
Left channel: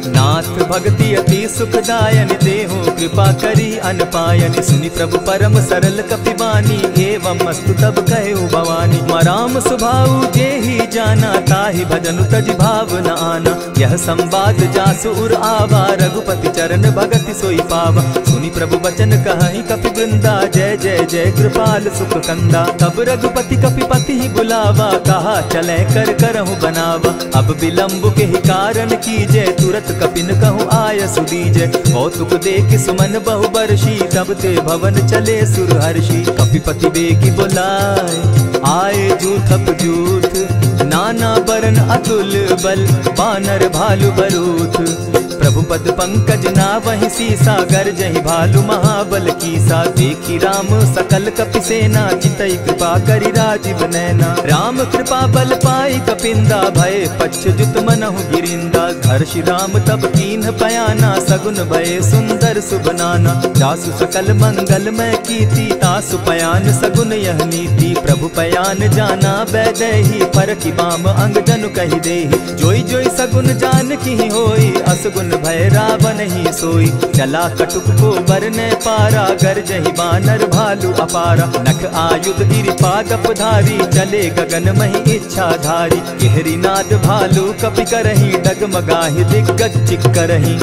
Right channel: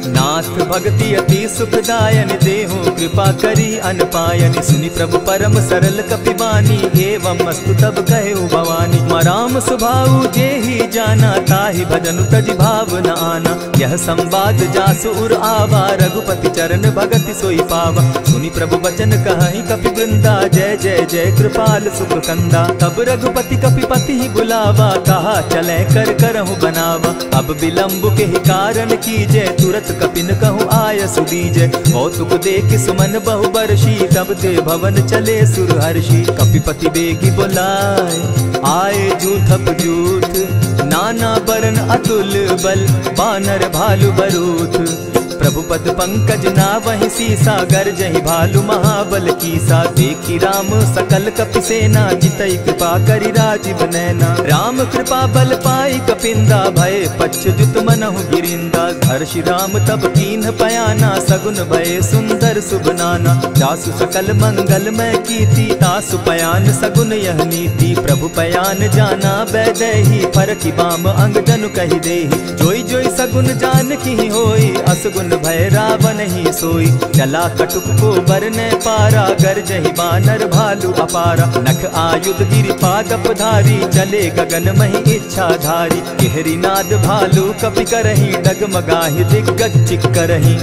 नाथ भक्ति अति सुखदायन, देहु कृपा करी अनपायन। सुनि प्रभु परम सरल कपिबानी, एवं मस्तु तब कहु भवानी। मराम सुभाऊ जेहि जाना, ताहि भजनु तजि भाव न आना। यह संवाद जासु उर आवा, रघुपति चरण भगति सोई पावा। सुनि प्रभु बचन कहहि कपि वृंदा, जय जय जय कृपाल सुख कंदा। तब रघुपति कपिपति ही बुलावा, कहा चले कर करहु बनावा। अब विलंब के ही कारण कीजय, तुरत कपिन कहूँ आय सुदीजय। कौतुक देख सुमन बहु बरसी, तब ते भवन चले सुरहर्षि। कपिपति बेगी बुलाए, आए जूथप जूथ। नाना बरन अतुल बल, बानर भालु बरूथ। प्रभु पद पंकज नावहि सीसा, गरजहि भालु महाबल कीसा। देखी राम सकल कपि सेना, जितई कृपा करि राजीव नैना। राम कृपा बल पाई कपिंदा, भय पच्युत मनहु गिरिंदा। हर्षि राम तब कीन्ह पयाना, सगुन भय सुंदर शुभ नाना। जासु सकल मंगल मैं कीर्ति, तासु पयान सगुन यह नीति। प्रभु पयान जाना बैदेही, फरकि बाम अंग जनु कहि देहि। जोई जोई सगुन जान की होई, असगुन भय रावण ही सोई। चला कटुक को बरने पारा, गरजहि बानर भालु अपारा। नख आयुध गिरि पादप धारी, चले गगन महि इच्छा धारी। केहरी नाद भालु कपि करहि, डगमगाहि दिग्गज चिक्करहि।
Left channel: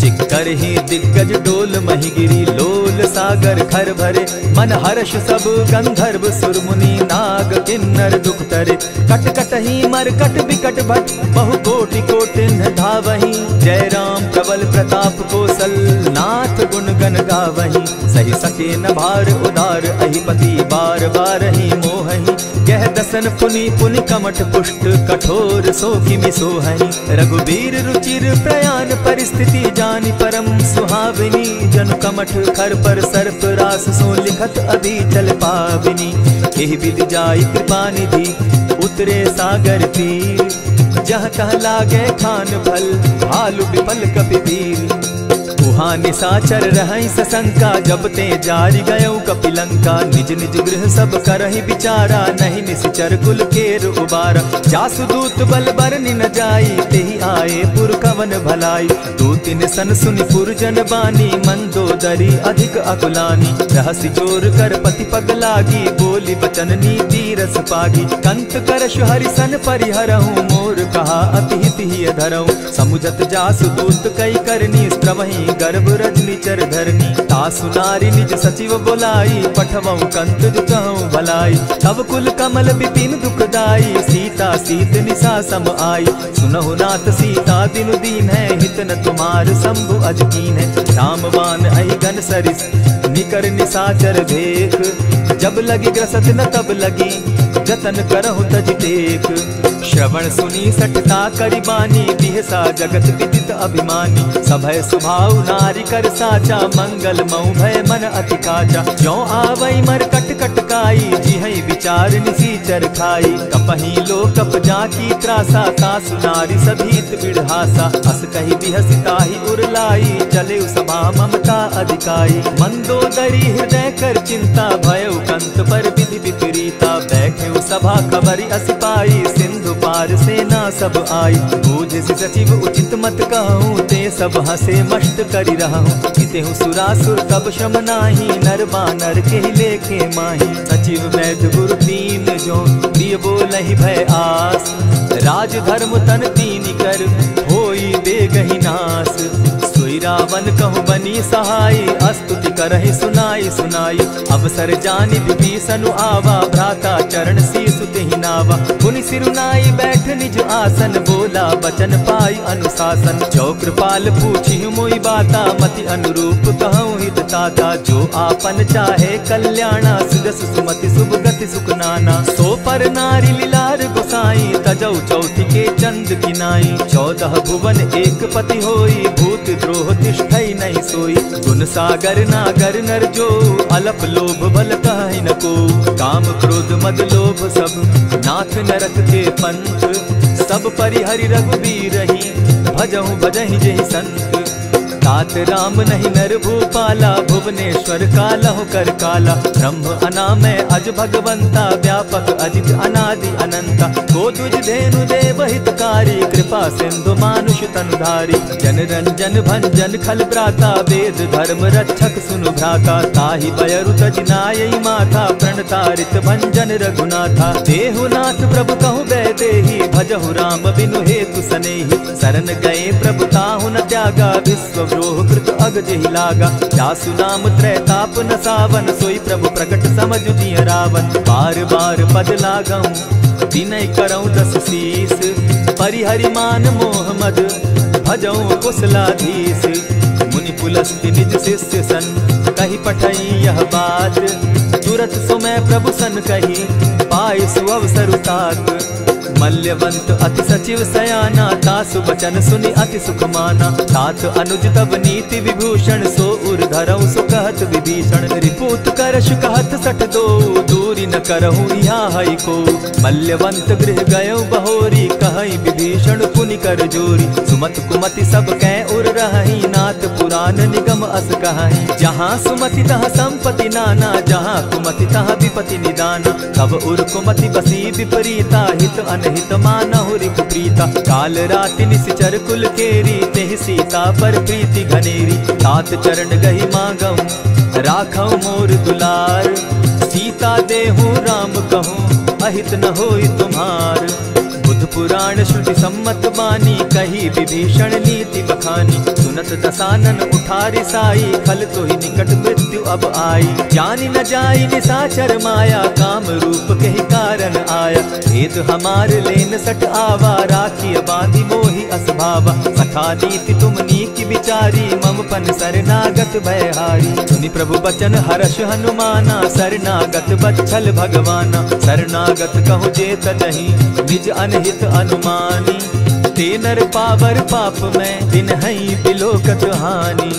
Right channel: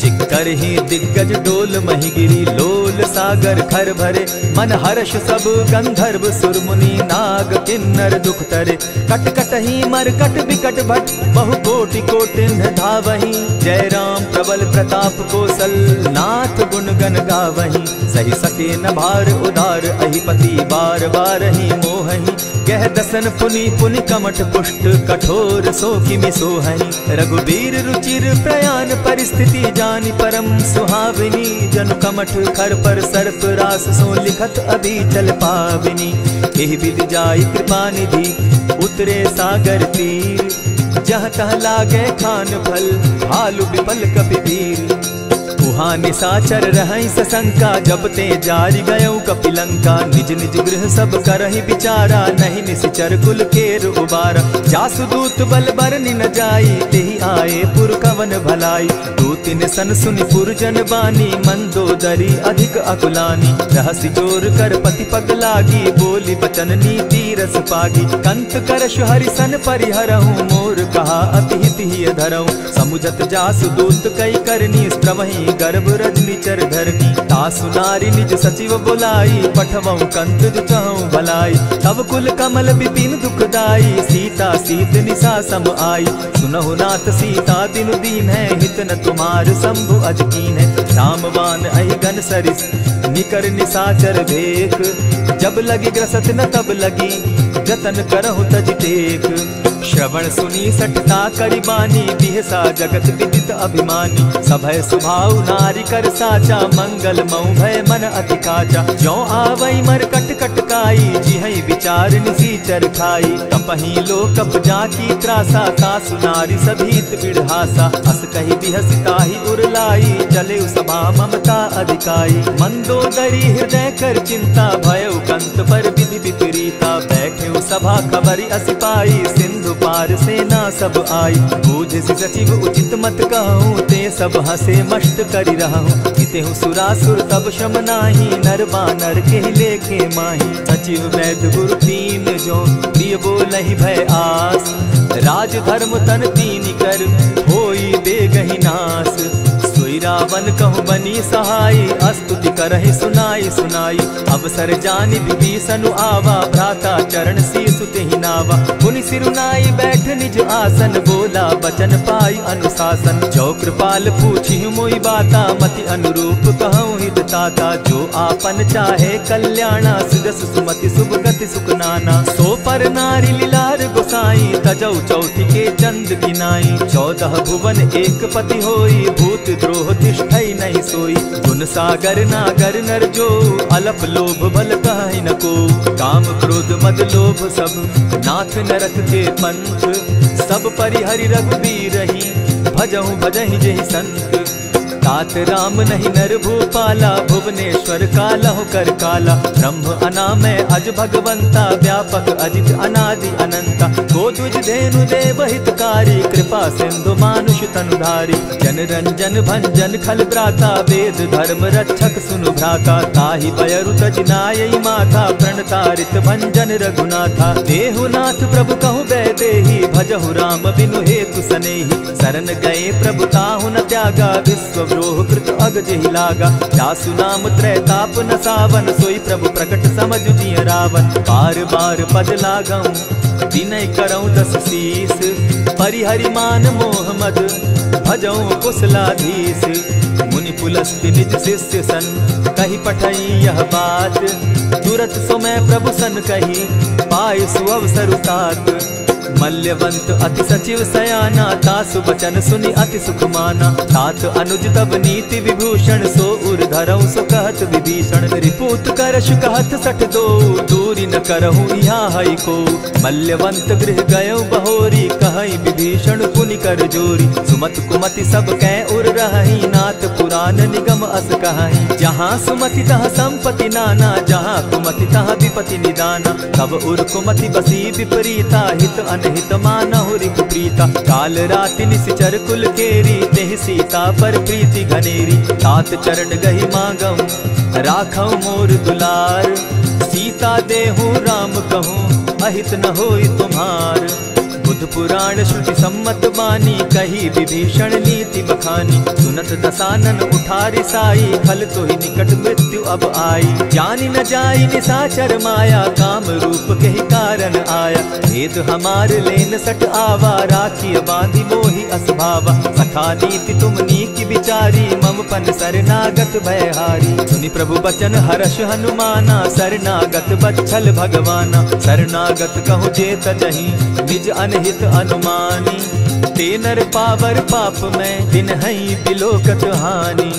चिक्करहि दिग्गज डोल महि गिरी, लोल सागर खर भरे। मन हर्ष सब गंधर्व सुर मुनि, नाग किन्नर दुख तरे। कट कटहि मरकट बिकट भट, बहु कोटि कोटिन्ह धावहि। जय राम प्रबल प्रताप कौशल, नाथ गुण गण गावहि। सही सके न भार उदार, अहिपति बार बार ही मोहहि। गह दसन पुनि पुनि कमठ पुष्ट, कठोर सो किमि सोहहि। रघुबीर रुचिर प्रयाण परिस्थिति, जानि परम सुहाविनी। जनु कमठ खर पर सर्प रास, सो लिखत अभी चल पाविनी। एहि विधि जाई कृपा निधि, उतरे सागर तीर। जहाँ तह लागे खान फल, भालु विफल कपि वीर। उहाँ निशाचर रहई सशंका, जब ते जारी गयऊ कपिलंका। निज निज गृह सब करहि विचारा, नहीं निशिचर कुल केर उबारा। जासु दूत बल बरनि न जाई, तेहि आए पुर कवन भलाई। दो तीन सन सुनि पुरजन बानी, मंदोदरी अधिक अकुलानी। रहसि जोर कर पति पग लागी, बोली बचन नीति रस पागी। कंत करश हरिसन परिहरहूँ, मोर कहा अति हित ही धरऊँ। समुझत जासु दूत कई करनी, स्त्रवहीं गर्भ रजनी चर धरनी। तासु नारी निज सचिव बोलाई, पठवऊँ कंत जो चहूँ भलाई। तब कुल कमल विपिन दुखदाई, सीता सीत निशा सम आई। सुनहु नाथ सीता बिनु दीन है, हित न तुम्हार शंभु अजकीन है। रामबान अहिगन सरिस निकर निशाचर भेक, जब लगी ग्रसत न तब लगी, जतन करहु तज टेक। श्रवण सुनी सठता करिबानी, बिहसा जगत विदित अभिमानी। सभय सुभाव नारी कर साचा, मंगल मऊ भय मन अति काचा। ज्यों आवई मर कट कट काई, जिहई विचार निसीचर खाई। कपही लो कप जाकी त्रासा, तासु नारी सभीत बिढ़ासा। अस कही बिहसिता ही उरलाई, चले सभा ममता अधिकाई। मंदोदरी हृदय कर चिंता, भयउ कंत पर विधि विपरीता। बैठे सभा खबरी असिपाई, सिंधु पार सेना सब आई। बूझ सचिव उचित मत कहूँ, ते सब हंसे मस्त करी रहूँ। जितेहु सुरासुर तब शम नाही, नर बानर के लेखे माही। सचिव वैद्य गुरु तीन जो, प्रिय बोलहि भय आस। राज धर्म तन तीन कर, होई बेगहि नास। सोई रावण कहु बनी सहाय, स्तुति करहि सुनाई सुनाई। अवसर जानि विभीषण आवा, भ्राता चरण शीसु तेहि नावा। पुनि सिरुनाई बैठ निज आसन, बोला बचन पाई अनुशासन। जो कृपाल पूछि मोई बाता, मति अनुरूप कहूँ हित ताता। जो आपन चाहे कल्याणा, सुजस सुमति शुभ गति सुख नाना। सो पर नारी लीलार गोसाई, तजौ चौथी के चंद गिनाई। 14 भुवन एक पति होई, भूत द्रोह तिष्ठई नहीं सोई। गुण सागर नागर नर जो, अलप लोभ बल कहि न को। काम क्रोध मद लोभ सब, नाथ नरक के पंथ। सब परिहरि रघुबीर रही, भजहु भजहि जेहि संत। तात राम नहीं नर भूपाला, भुवनेश्वर कालहु कर काला। ब्रह्म अनामय अज भगवंता, व्यापक अजित अनादि अनंता। गोदुज धेनु देव हितकारी, कृपा सिंधु मानुष तनुधारी। जन रंजन भंजन खल भ्राता, वेद धर्म रक्षक सुनु भ्राता। ताहि बयरु तज नायई माथा, प्रणतारित भंजन रघुनाथा। देहुनाथ प्रभु कहु बैदेही, भजहु राम बिनु हेतु सनेही। शरण गए प्रभु ताहु न त्यागा, विश्व द्रोह कृत अग जेहि लागा। जासु नाम त्रैताप न सावन, सोई प्रभु प्रकट समझ जिय रावण। बार बार पद लागऊं, विनय करऊं 10 शीस। परिहरि मान मोह मद, भजऊं कुशलाधीश। मुनि पुलस्त्य निज शिष्य सन, कही पठई यह बात। तुरत सो मैं प्रभु सन कही, पाई सुअवसर तात। मल्यवंत अति सचिव सयाना, तासु बचन सुनि अति सुख माना। तात अनुज तब नीति विभूषण, सो उर धरऊं सो कहत विभीषण। रिपुत करश कहत सठ दो, दूरी न करहूँ यहाँ हई को। मल्यवंत गृह गयो बहोरी, कहई विभीषण पुनि कर जोरी। सुमत कुमति सब कै उर रही, नाथ पुराण निगम अस कहई। जहाँ सुमति तहाँ संपत्ति नाना, जहाँ कुमति तहाँ विपति निदाना। तब उर कुमति बसी विपरीता, हित अनहित मानहु रिपु प्रीता। काल राति निशिचर कुल केरी, तेहि सीता पर प्रीति घनेरी। तात चरण गहि मांगऊं, राखऊं मोर दुलार। सीता देहूं राम कहूं, अहित न होई तुम्हार। बुध पुराण श्रुति सम्मत बानी, कही विभीषण नीति बखानी। सुनत दसानन उठारी साई, खल तो ही निकट मृत्यु अब आई। जानी न जाई निशाचर माया, काम रूप के ही कारण आया। भेद हमार लेन सट आवा, राखी बांधी मोहि असभावा। सखा नीति तुम नीति विचारी, मम पन शरणागत भयहारी। सुनि प्रभु बचन हर्ष हनुमाना, शरणागत बच्छल भगवाना। शरणागत कहु जे तजहि, निज अनहित अनुमानी। ते नर पावर पाप में, दिन हई बिलोकत हानि।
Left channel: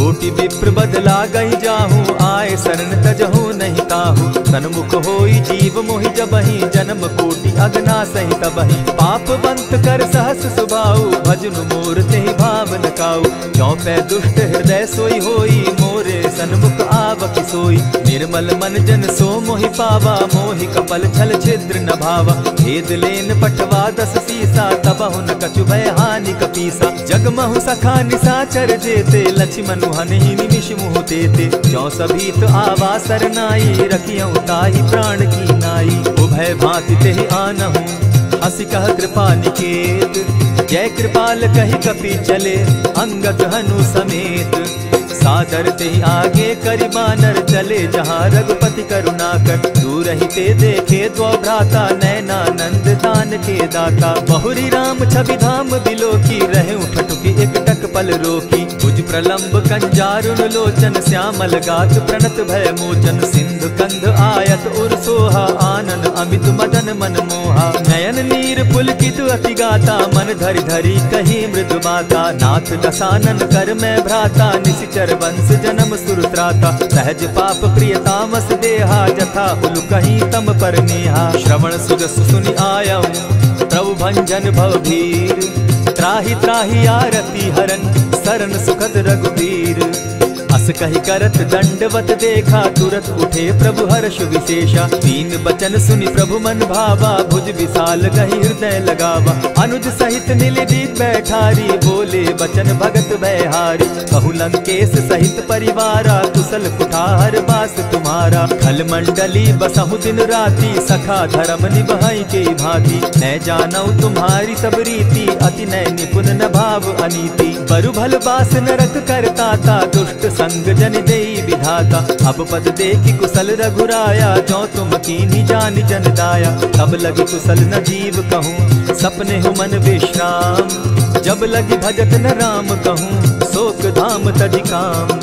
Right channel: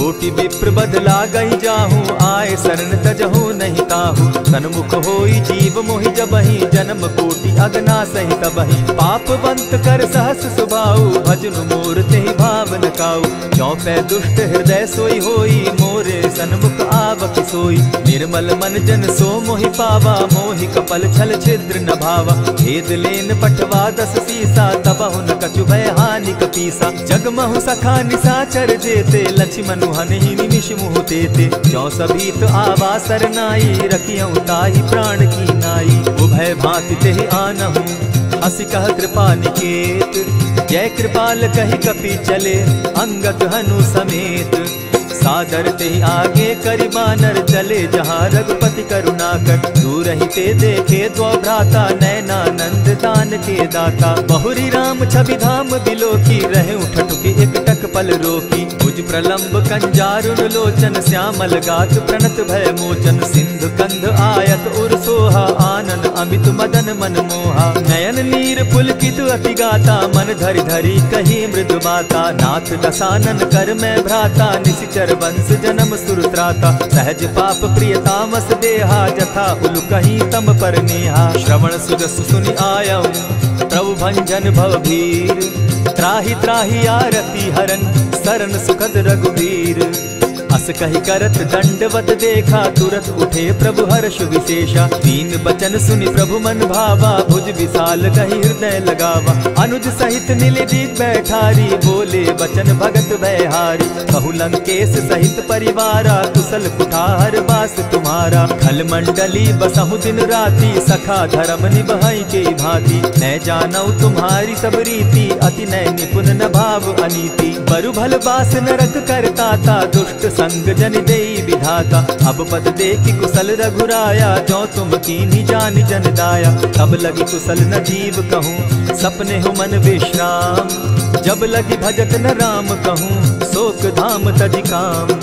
कोटि विप्र बदला गई जाहू, आए शरण तजहू नहीं ताहू। सन्मुख होई जीव मोहि जबहि, जन्म कोटि अगना सही तबहि। पाप बंत कर सहस सुभाऊ, भजनु मोर तेहि भाव न काऊ। चौपै दुष्ट हृदय सोई होई, मोरे सन्मुख आवक सोई। निर्मल मन जन सो मोहि पावा, मोहि कपल छल छिद्र न भावा। भेद लेन पठवा 10 सीसा, तबहु न कछु भय हानि कपीसा। जगमहु सखा निसाचर जेते, लक्ष्मण हनहि निमिष मुहु तेते। जो सभीत आवा सरनाई, रखियऊ ताहि प्राण की नाई। उभय भांति तेहि आनहु, हसी कह कृपा निकेत। जय कृपाल कहि कपि चले, अंगद हनु समेत। सादर ते आगे करि बानर, चले जहाँ रघुपति करुणाकर। दूर ही ते देखे द्वौ भ्राता, नैनानंद दान के दाता। बहुरी राम छवि धाम बिलोकी, रहे ठठुकी एक टक पल रोकी। भुज प्रलंब कंजारुन लोचन, श्यामल गात प्रणत भय मोचन। सिंधु कंध आयत उर सोहा, आनन अमित मदन मन मोहा। नयन नीर पुलकित अति गाता, मन धरि धरि कही मृदु बाता। नाथ दसानन कर मैं भ्राता, निशिचर वंश जन्म सुरत्राता। सहज पाप प्रिय तामस देहा, जथा उलु कहीं तम पर नेहा। श्रवण सुजस सुनि आयऊ, प्रभु भंजन भव भीर। त्राहि त्राहि आरती हरन, सरन सुखद रघुबीर। अस कहि करत दंडवत देखा, तुरत उठे प्रभु हर्ष विशेषा। दीन बचन सुनि प्रभु मन भावा, भुज विशाल कहि हृदय लगावा। अनुज सहित नीलदीप बैठारी, बोले बचन भगत भयहारी। कहु लंकेश सहित परिवारा, कुशल कुठार बास तुम्हारा। खल मंडली बसहु दिन राति, सखा धर्म निभाई के भांति। न जानौ तुम्हारी सब रीति, अति नय निपुण न भाव अनीति। बरु भल बास नरक करताता, दुष्ट संग जन देई विधाता। अब पद देखि कुशल रघुराया, जो तुम कीन्ही जानि जन दाया। तब लगी कुशल न जीव कहूँ, सपने हो मन विश्राम। जब लगी भजत न राम कहूँ, शोक धाम तजि काम।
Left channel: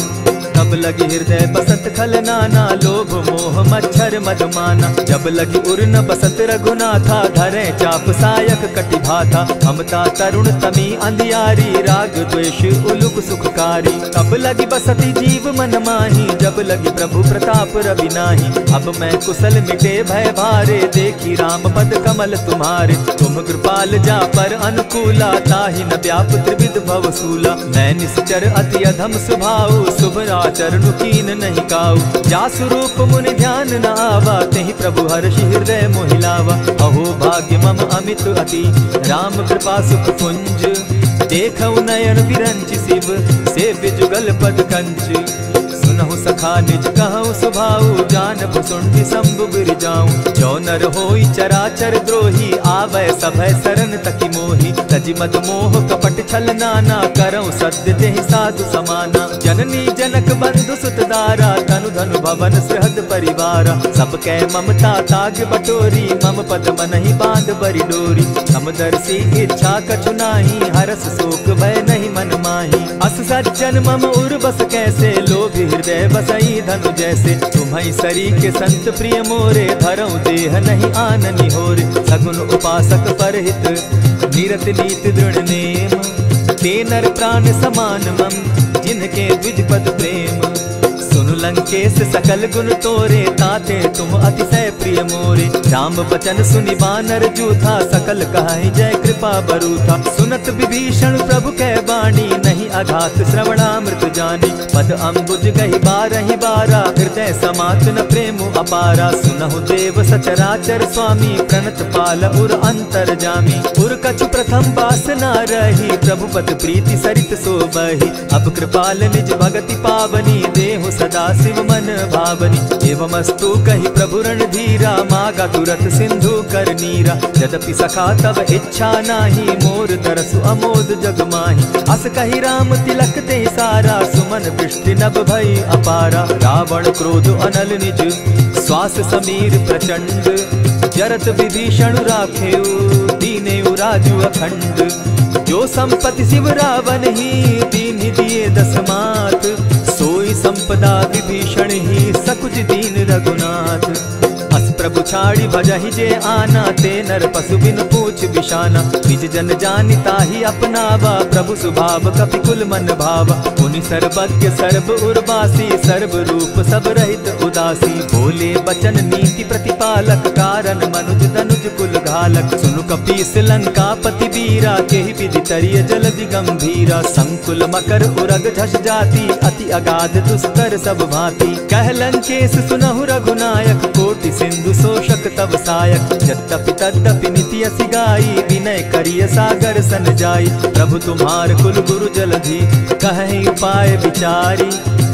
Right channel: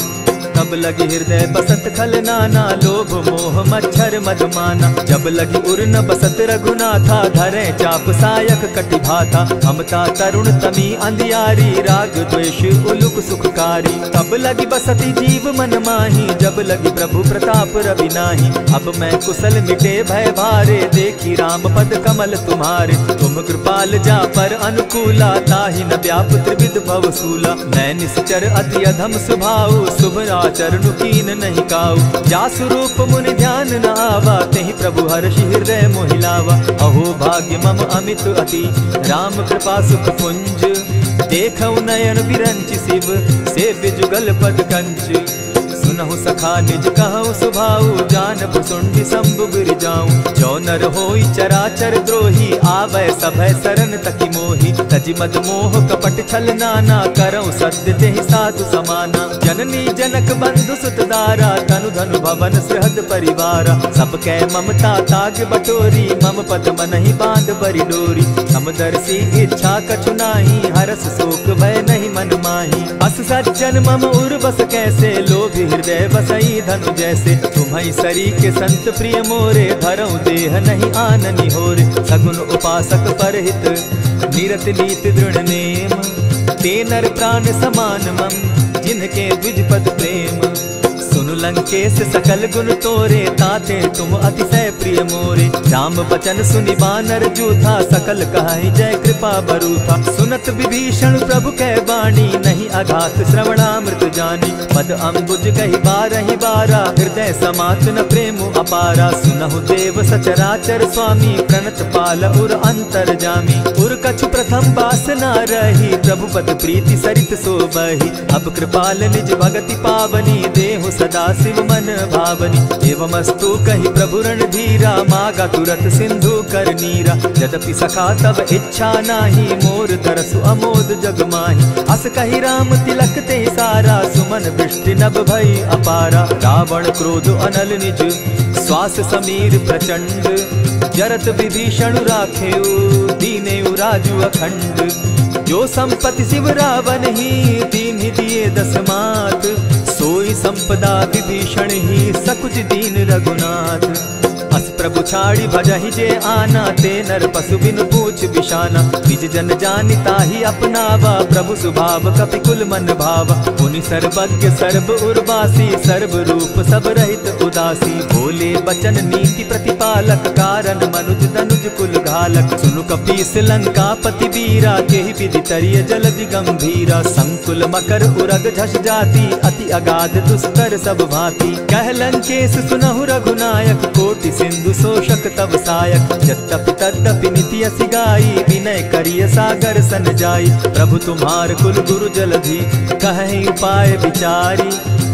तब लगी हृदय बसत खल नाना, लोभ मोह मच्छर मदमाना। जब लगी उर न बसत रघुनाथा, धरे चाप सायक कटि भाथा। ममता तरुण तमी अंधियारी, राग द्वेष उलुक सुखकारी। तब लगी बसती जीव मन माही, जब लगी प्रभु प्रताप रवि नाही। अब मैं कुशल मिटे भय भारे, देखी राम पद कमल तुम्हारे। तुम कृपाल जा पर अनुकूला, ताहि न व्याप त्रिविध भव सूला। मैं निश्चर अति अधम स्वभाव, शुभ चरणु कीन नहीं काऊ। जासु रूप मुनि ध्यान न आवा, तेहि प्रभु हर्षि हृदय मोहिलावा। अहो भाग्य मम अमित अति, राम कृपा सुख पुंज। देखऊ नयन बिरंच शिव, सेव्य जुगल पद कंच। सुनहु सखा निज कहु सुभाऊ, जानबु सुंडि शंभु गिर जाऊं। जो नर होई चराचर द्रोही, आवै सभय सरन तकी मोही। तजि मद मोह कपट छल नाना, करऊं सत्य तेहि साधु समाना। जननी जनक बंधु सुत दारा, तनु धनु भवन सृहद परिवारा। सब कै ममता ताग बटोरी, मम पद मनहि बांध बरि डोरी। समदर्शी इच्छा कछु नाही, हरस शोक भय नहीं मन माही। अस सज्जन मम उर बस कैसे, लोभी हृदय बसई धनु जैसे। तुम्हि सरी के संत प्रिय मोरे, धरऊं देह नहीं आननि होरे। सगुन उपासक परहित, निरत नीत दृढ़ नेम। ते नर प्राण समान मम, जिनके द्विज पद प्रेम। सुनु लंकेश सकल गुण तोरे, ताते तुम अतिशय प्रिय मोरे। राम बचन सुनि बानर जूथा, सकल कहाई जय कृपा बरूथा। सुनत विभीषण प्रभु कै बाणी, नहीं अघात श्रवणामृत जानी। पद अम्बुज गहि बारहि बारा, हृदय समात न प्रेम अपारा। सुनहु देव सचराचर स्वामी, प्रणत पाल उर अंतर जामी। उर कछु प्रथम बासना रही, प्रभु पद प्रीति सरित सोबहि। अब कृपाल निज भगति पावनी, देहु सदा शिव मन भावनी। एवमस्तु कहि प्रभु रणधीरा, मागा तुरत सिंधु कर नीरा। यद्यपि सखा तब इच्छा नाही, मोर दरसु अमोद जग माही। अस कहि राम तिलक ते सारा, सुमन वृष्टि नभ भई अपारा। रावण क्रोध अनल निज, श्वास समीर प्रचंड। जरत विभीषण राखेउ, दीनेउ राजु अखंड। जो संपत्ति शिव रावण ही, दीन्हि दिए 10 मात। सोई संपदा विभीषण ही, सकुच दीन रघुनाथ। अस प्रभु छाड़ी भजहि जे आना, ते नर पशु बिन पूछ बिशाना। निज जन जानिता ही अपनावा, प्रभु स्वभाव कपि कुल मन भावा। पुनि सर्वज्ञ सर्व उर्वासी, सर्व रूप सब रहित उदासी। बोले बचन नीति प्रतिपालक, कारण मनुज दनुज कुल घालक। सुनु कपीस लंका पति बीरा, केहि विधि तरिय जलधि गंभीरा। संकुल मकर उरग झष जाति, अति अगाध दुस्तर सब भांति। कह लंकेश सुनहु रघुनायक, कोटि सिंधु शोषक तब सायक। यद्यपि तद्यपि निति असि गाई, विनय करिय सागर सन जाई। प्रभु तुम्हार कुल गुरु जलधि, कहि उपाय विचारी।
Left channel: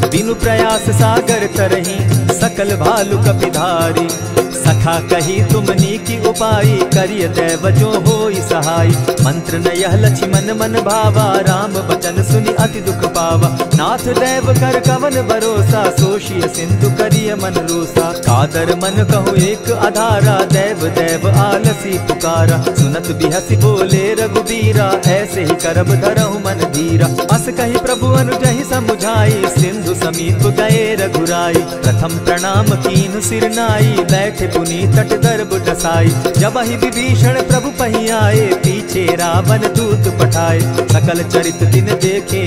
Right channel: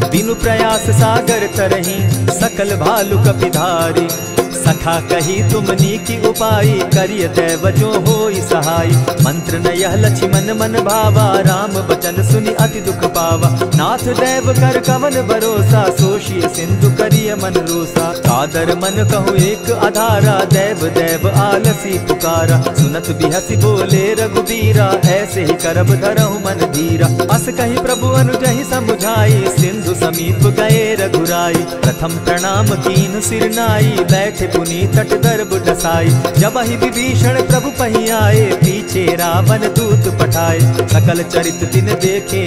बिनु प्रयास सागर तरहि, सकल भालु कपिधारी। सखा कही तुमनी की उपाय, करिय दैव जो होई सहाय। मंत्र न यह लक्ष्मण मन भावा, राम बचन सुनि अति दुख पावा। नाथ दैव कर कवन भरोसा, सोषिय सिंधु करिय मन रोसा। कादर मन कहूँ एक आधारा, दैव दैव आलसी पुकारा। सुनत बिहसी बोले रघुबीरा, ऐसे ही करब धरहु मन धीरा। अस कही प्रभु अनुजहि समुझाई, सिंधु समीप गए रघुराई। प्रथम प्रणाम कीन्ह सिर नाई, बैठे पुनि तट दर्ब डसाई। जब ही विभीषण प्रभु पही आए, पीछे रावण दूत पठाए। सकल चरित दिन देखे,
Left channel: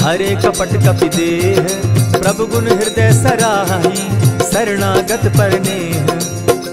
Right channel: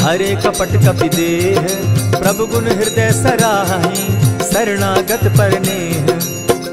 हरे कपट कपि देह। प्रभु गुण हृदय सराहि, शरणागत पर नेह।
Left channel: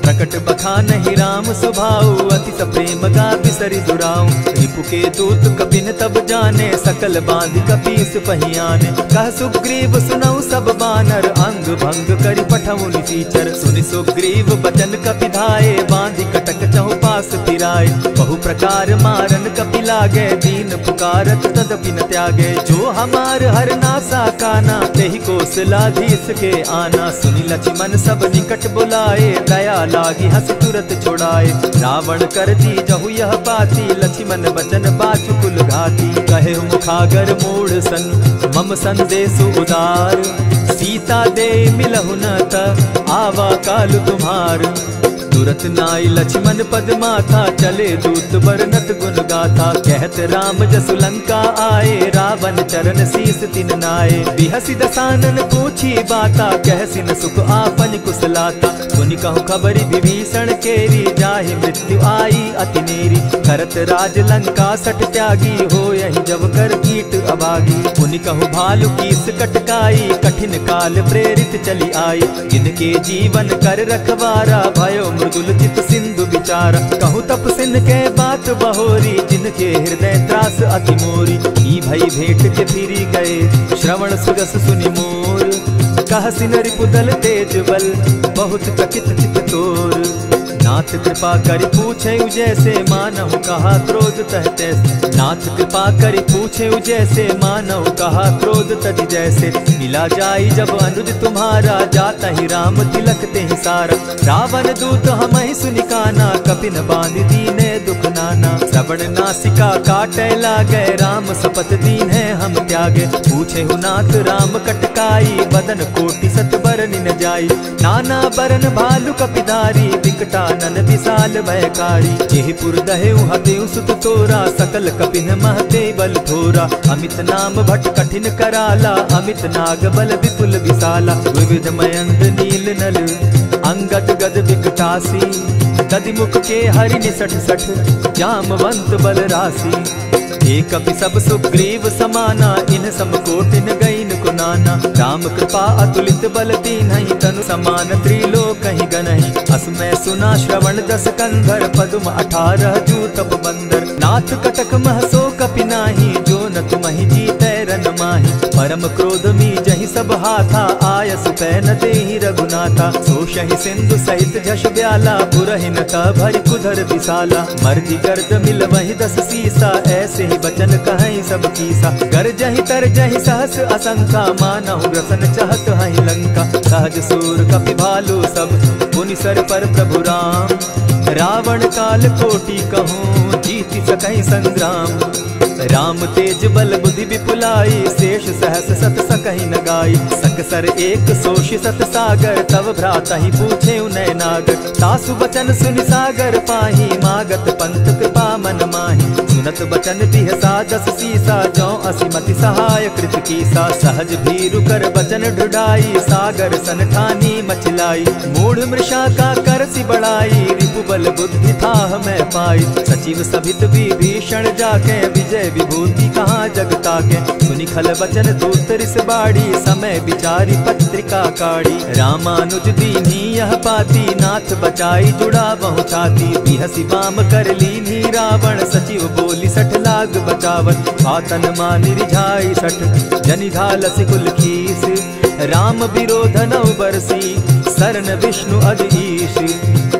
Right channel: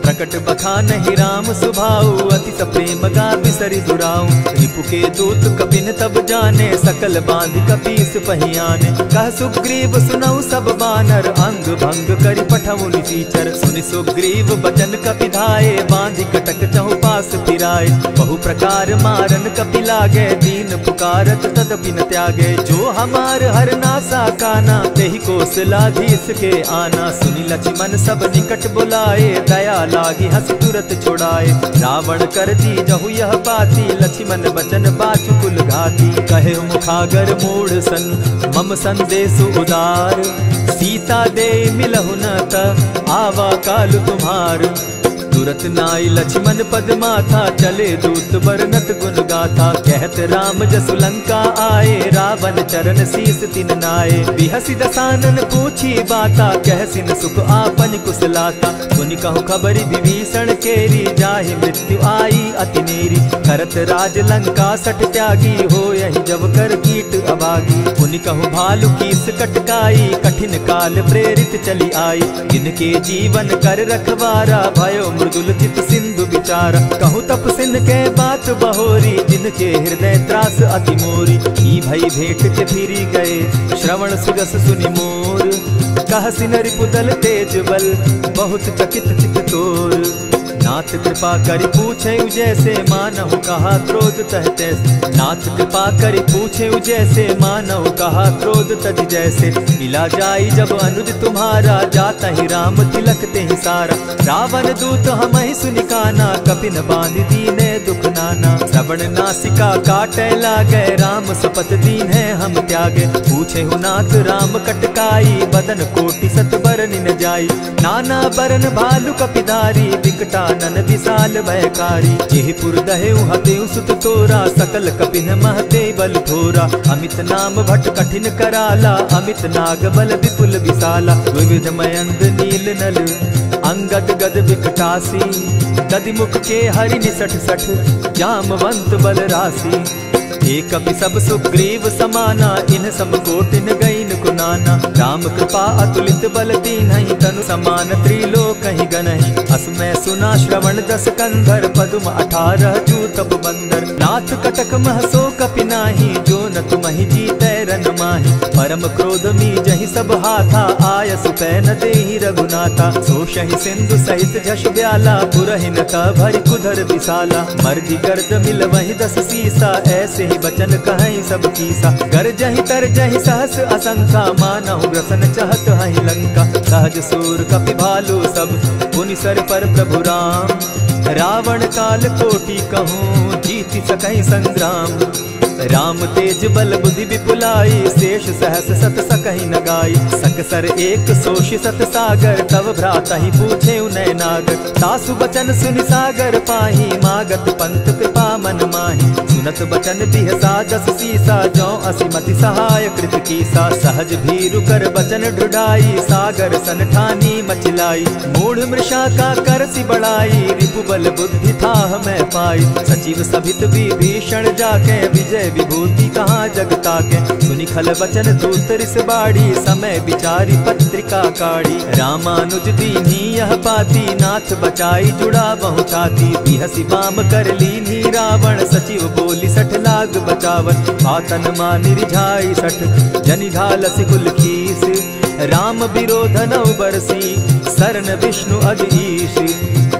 प्रकट बखानहि राम सुभाऊ, अति सप्रेम गा बिसरि दुराऊ। रिपु के दूत कपिन तब जाने, सकल बांधि कपीस पहियाने। कह सुग्रीव सुनऊ सब बानर, अंग भंग करि पठऊ निसीचर। सुनि सुग्रीव बचन कपि धाये, बांधि कटक चहु पास फिराए। बहु प्रकार मारन कपि लागे, दीन पुकारत तदपि न त्यागे। जो हमार हर नासा काना, तेहि कौशलाधीश के आना। सुनि लक्ष्मण सब निकट बुलाए, दया लागी हंसी तुरत छुड़ाए। रावण कर दी जहु यह बाती, लक्ष्मण बचन बाचु कुल घाती। कहे मुखागर मूढ़ सन, मम संदेश उदार। सीता दे मिलहु न त, आवा काल तुम्हार। तुरत नाई लक्ष्मण पद माथा, चले दूत बरनत गुण गाथा। कहत राम जसु लंका आए, रावण चरण शीस तिन नाये। बिहसी दसानन पूछी बाता, कहसी न सुख आपन कुशलाता। सुनि कहु खबरि विभीषण केरी, जाहि मृत्यु आई अति नेरी। करत राज लंका सठ त्यागी, हो यही जब कर कीट अभागी। पुनि कहु भालु कीस कटकाई, कठिन काल प्रेरित चली आई। जिनके जीवन कर रखवारा, भयो मृदुल चित सिंधु विचार। कहु तप सिंध के बात बहोरी, जिनके हृदय त्रास अति मोरी। ई भई भेंट के फिरी गए, श्रवण सुजस सुनि मोर। कह सिन रिपुदल तेज बल, बहुत चकित चित तोर। नाथ कृपा करि पूछे जैसे, मानहु कहा क्रोध तह तैसे। नाथ कृपा करि पूछे जैसे, मानहु कहा क्रोध तज जैसे। मिला जाई जब अनुज तुम्हारा, जाता ही राम तिलक ते ही सारा। रावण दूत हम ही सुनिकाना, कपिन बांध दीने दुख नाना। श्रवण नासिका काटे लागे, राम सपत दीन है हम त्यागे। पूछे हु नाथ राम कटकाई, बदन कोटि सत बरन न जाई। नाना बरन भालु कपिधारी, विकटा नन विशाल भयकारी। जेहिपुर दहेउ हतेउ सुत तोरा, सकल कपिन महते बल थोरा। अमित नाम भट कठिन कराला, अमित नाग बल विपुल विशाला। विविध मयंद नील नल, अंगद गद विकटासी। गदिमुख के हरि निसठ सठ, जामवंत बल राशि। एक कपि सब सुग्रीव समाना, इन समकोटिन गईन कुनाना। राम कृपा अतुलित बल दीन्हि, तनु समान त्रिलोक ही गनहि। असमय सुना श्रवण दस कंधर, पदुम 18 जूतप बंदर। नाथ कटक महसो कपि नाही, जो न तुमहि जीतै रन माहि। परम क्रोध मी जहि सब हाथा, आयसु पै न देहि रघुनाथा। सोषहि सिंधु सहित झष ब्याला, पुरहि न त भरि कुधर विशाला। मर्दि गर्द मिल वहि 10 सीसा, ऐसे बचन कहीं सब कीसा। कर जहि तर जहि सहस असंखा, मानहु ग्रसन चाहत हहि लंका। सहज सूर कपि भालु सब, पुनि सर पर प्रभु राम। रावण काल कोटि कहूँ, जीति सकहि संग्राम। राम तेज बल बुद्धि विपुलाई, शेष सहस सत सकहि न गाई। सकसर एक सोषि सत सागर, तव भ्राता ही पूछे उनय नागर। तासु बचन सुनि सागर पाही, मागत पंत कृपा मन माही। सुनत बचन बिहसा जस सीसा, जौ असिमति सहाय कृत कीसा। सहज भीरु कर बचन ढुढ़ाई, सागर सन ठानी मचिलाई। मूढ़ मृषा का करसि बढ़ाई, रिपु बल बुद्धि थाह मैं पाई। सचिव सभित विभीषण जाके, विजय विभूति कहाँ जगता के। सुनि खल वचन दूत रिस बाड़ी, समय विचारी पत्रिका काढ़ी। रामानुज दीनी यह पाती, नाथ बचाई जुड़ा बहु छाती। बिहसी बाम कर लीनी रावण, सचिव बोली सठ लाग बचावन। आतन मानि रिझाई सठ, जनि घालसि कुल कीस। राम विरोध नौ बरसी, शरण विष्णु अधीश।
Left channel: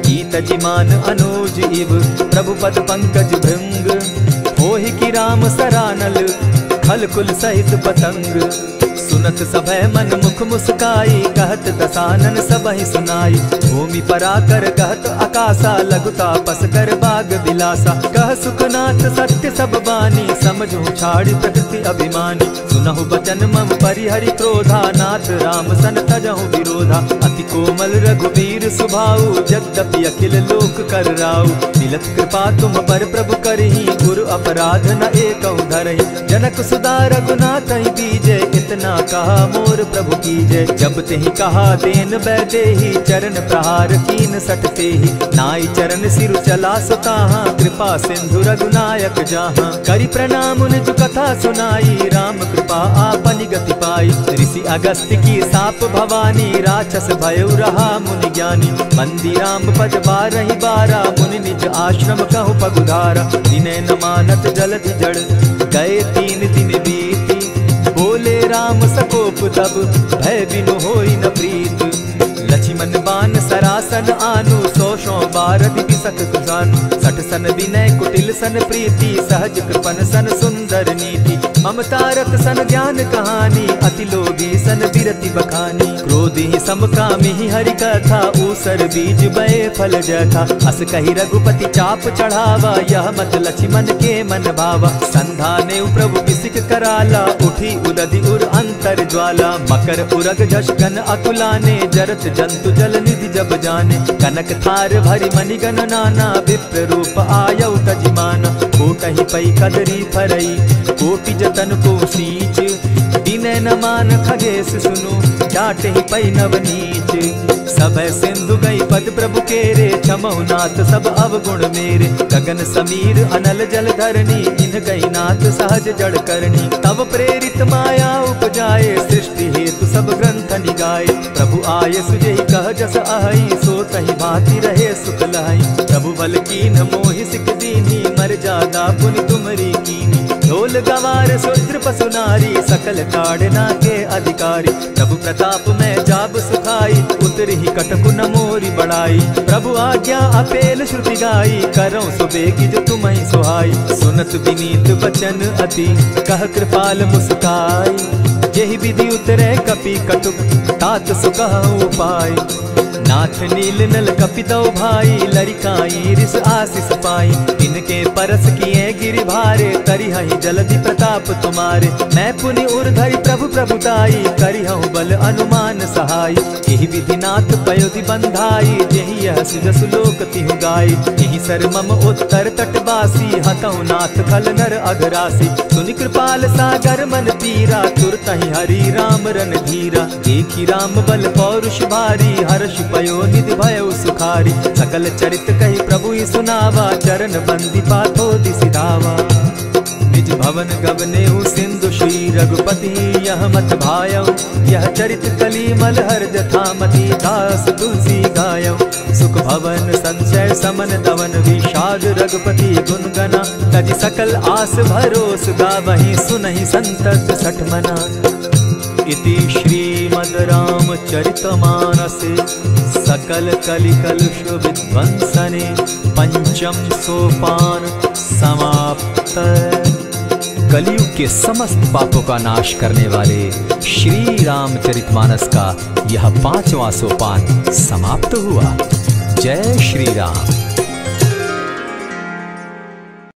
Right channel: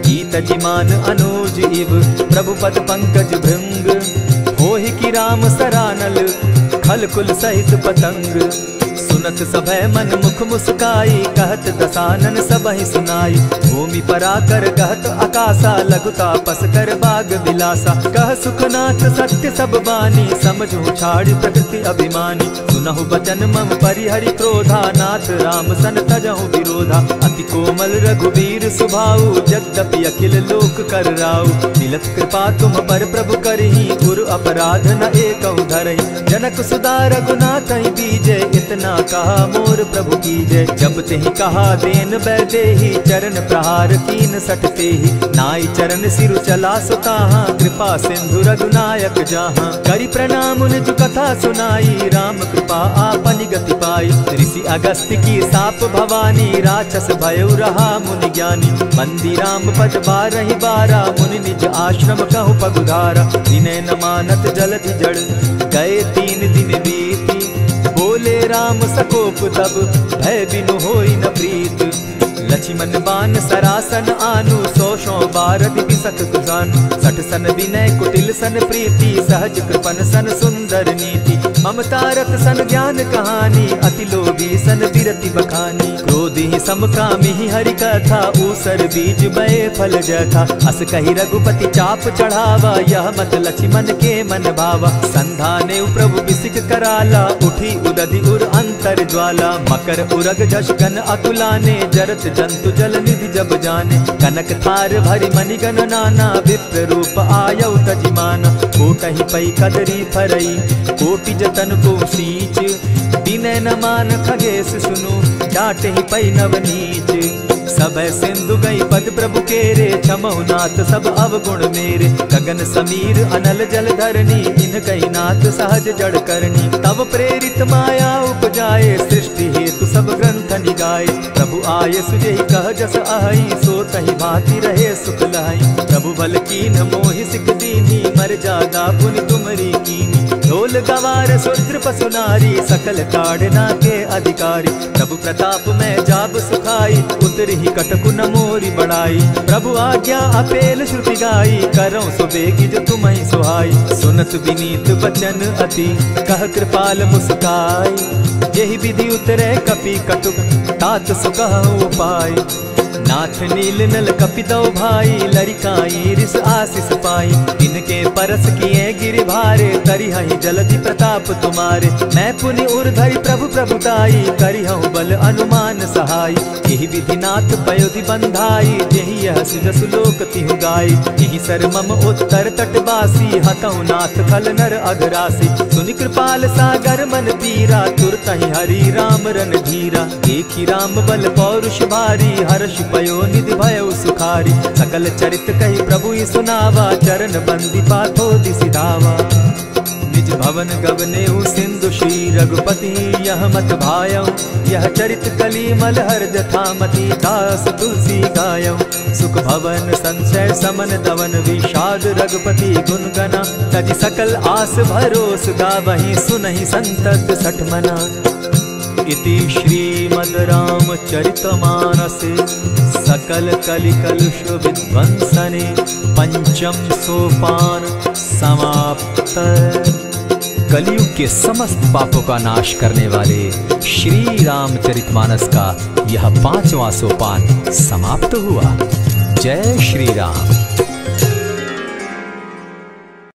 गीत जिमान अनुज इव, प्रभु पद पंकज भृंग। होहि की राम सरानल, खल कुल सहित पतंग। सुनत सभय मन मुख मुस्काई, कहत दसानन सबहि सुनाई। भूमि पराकर कहत आकाशा, लघु तापस कर बाग बिलासा। कह सुखनाथ सत्य सब बानी, समझू छाड़ी प्रकृति अभिमानी। सुनहु बचन मम परिहरि क्रोधा, नाथ राम सन तजहु विरोधा। अति कोमल रघुबीर सुभाऊ, यद्यपि अखिल लोक कर राऊ। मिलत कृपा तुम पर प्रभु करही, गुरु अपराध न एकहु धरहि। जनक सुधा रघुनाथ दीजे, इतना कहा मोर प्रभु कीजय। जब तेहि कहा देन बैदेही, चरण प्रहार कीन सटते ही। नाई चरण सिरु चला सुताहा, कृपा सिंधु रघुनायक जाहा। करि प्रणाम निज कथा सुनाई, राम कृपा आपनि गति पाई। ऋषि अगस्त्य की साप भवानी, राक्षस भयउ रहा मुनि ज्ञानी। बंदी राम पद बारहि बारा, मुनि निज आश्रम कहु पगुधारा। विनय न मानत जलधि जड़, गए 3 दिन बीती। बोले राम सकोप तब, भय बिनु होई न प्रीत। लक्ष्मण बान सरासन आनु, 100 बारधि बिसक कृसानु। 60 सन विनय कुटिल सन प्रीति, सहज कृपन सन सुंदर नीति। ममता रत सन ज्ञान कहानी, अति लोभी सन बिरति बखानी। क्रोधी समकामी हरि कथा, ऊसर बीज बये फल जथा। अस कहि रघुपति चाप चढ़ावा, यह मत लक्ष्मण के मन भावा। संधाने प्रभु बिसिक कराला, उठी उदधि उर अंतर ज्वाला। मकर उरग झष गन अकुलाने, जरत जंतु जल निधि जब जाने। कनक थार भरी मणिगण नाना, विप्र रूप आयउ तजिमाना। कोटहि पै कदरी फरई, कोटि जतन को सींच। विनय न मान खगेश सुनु, डांटहि पै नवनीच। सभय सिंधु गई पद प्रभु केरे, क्षमहु नाथ सब अवगुण मेरे। गगन समीर अनल जल धरनी, इन कही नाथ सहज जड़ करनी। तब प्रेरित माया उपजाए, सृष्टि हेतु सब ग्रंथ निगाए। प्रभु आये सुजेहि कह जस अहई, सो तहि भांति रहे सुख लहई। प्रभु बल कीन मोहि सिख दीनी, मर जादा पुनि तुमरी कीनी। ढोल गवार शूद्र पशु नारी, सकल ताड़ना के अधिकारी। प्रभु प्रताप में जाब सुखाई, उतरि कटकु न मोरी बढ़ाई। प्रभु आज्ञा अपेल श्रुति गाई, करौ सो बेगी जो तुम्हि सुहाई। सुनत विनीत बचन अति, कह कृपाल मुस्काई। जेहि विधि उतरे कपि कटुक, तात सो कहु उपाय। नाथ नील नल कपि दो भाई, लरिकाई रिस आशीष पाई। तिनके परस किए गिरि भारे, तरिहहि जलधि प्रताप तुम्हारे। मैं पुनि उर्धरि प्रभु प्रभुताई, करिहु बल अनुमान सहाय। यही विधि नाथ पयोधि बंधाई, जेहि यह सुजसु लोक तिहु गाई। यही सर मम उत्तर तटवासी, हतहु नाथ खल नर अघरासी। सुनि कृपाल सागर मन पीरा, तुरतहि हरि राम रन धीरा। देखी राम बल पौरुष भारी, हर्ष पयो निधि भयउ सुखारी। सकल चरित कही प्रभु ही सुनावा, चरण बंदी पाथो दिसि धावा। निज भवन गवनेउ सिंधु श्री रघुपति, यह मत भायउ। यह चरित कली मलहर जथामति, दास तुलसी गायउ। सुख भवन संशय समन दवन, विषाद रघुपति गुण गना। तजि सकल आस भरोस, गावहि सुनहि संतत सठ मना। इति श्रीमद् रामचरितमानसे, सकल कलिकलुष विध्वंसने। पंचम सोपान समाप्त। कलयुग के समस्त पापों का नाश करने वाले श्री रामचरितमानस का यह 5वां सोपान समाप्त हुआ। जय श्री राम।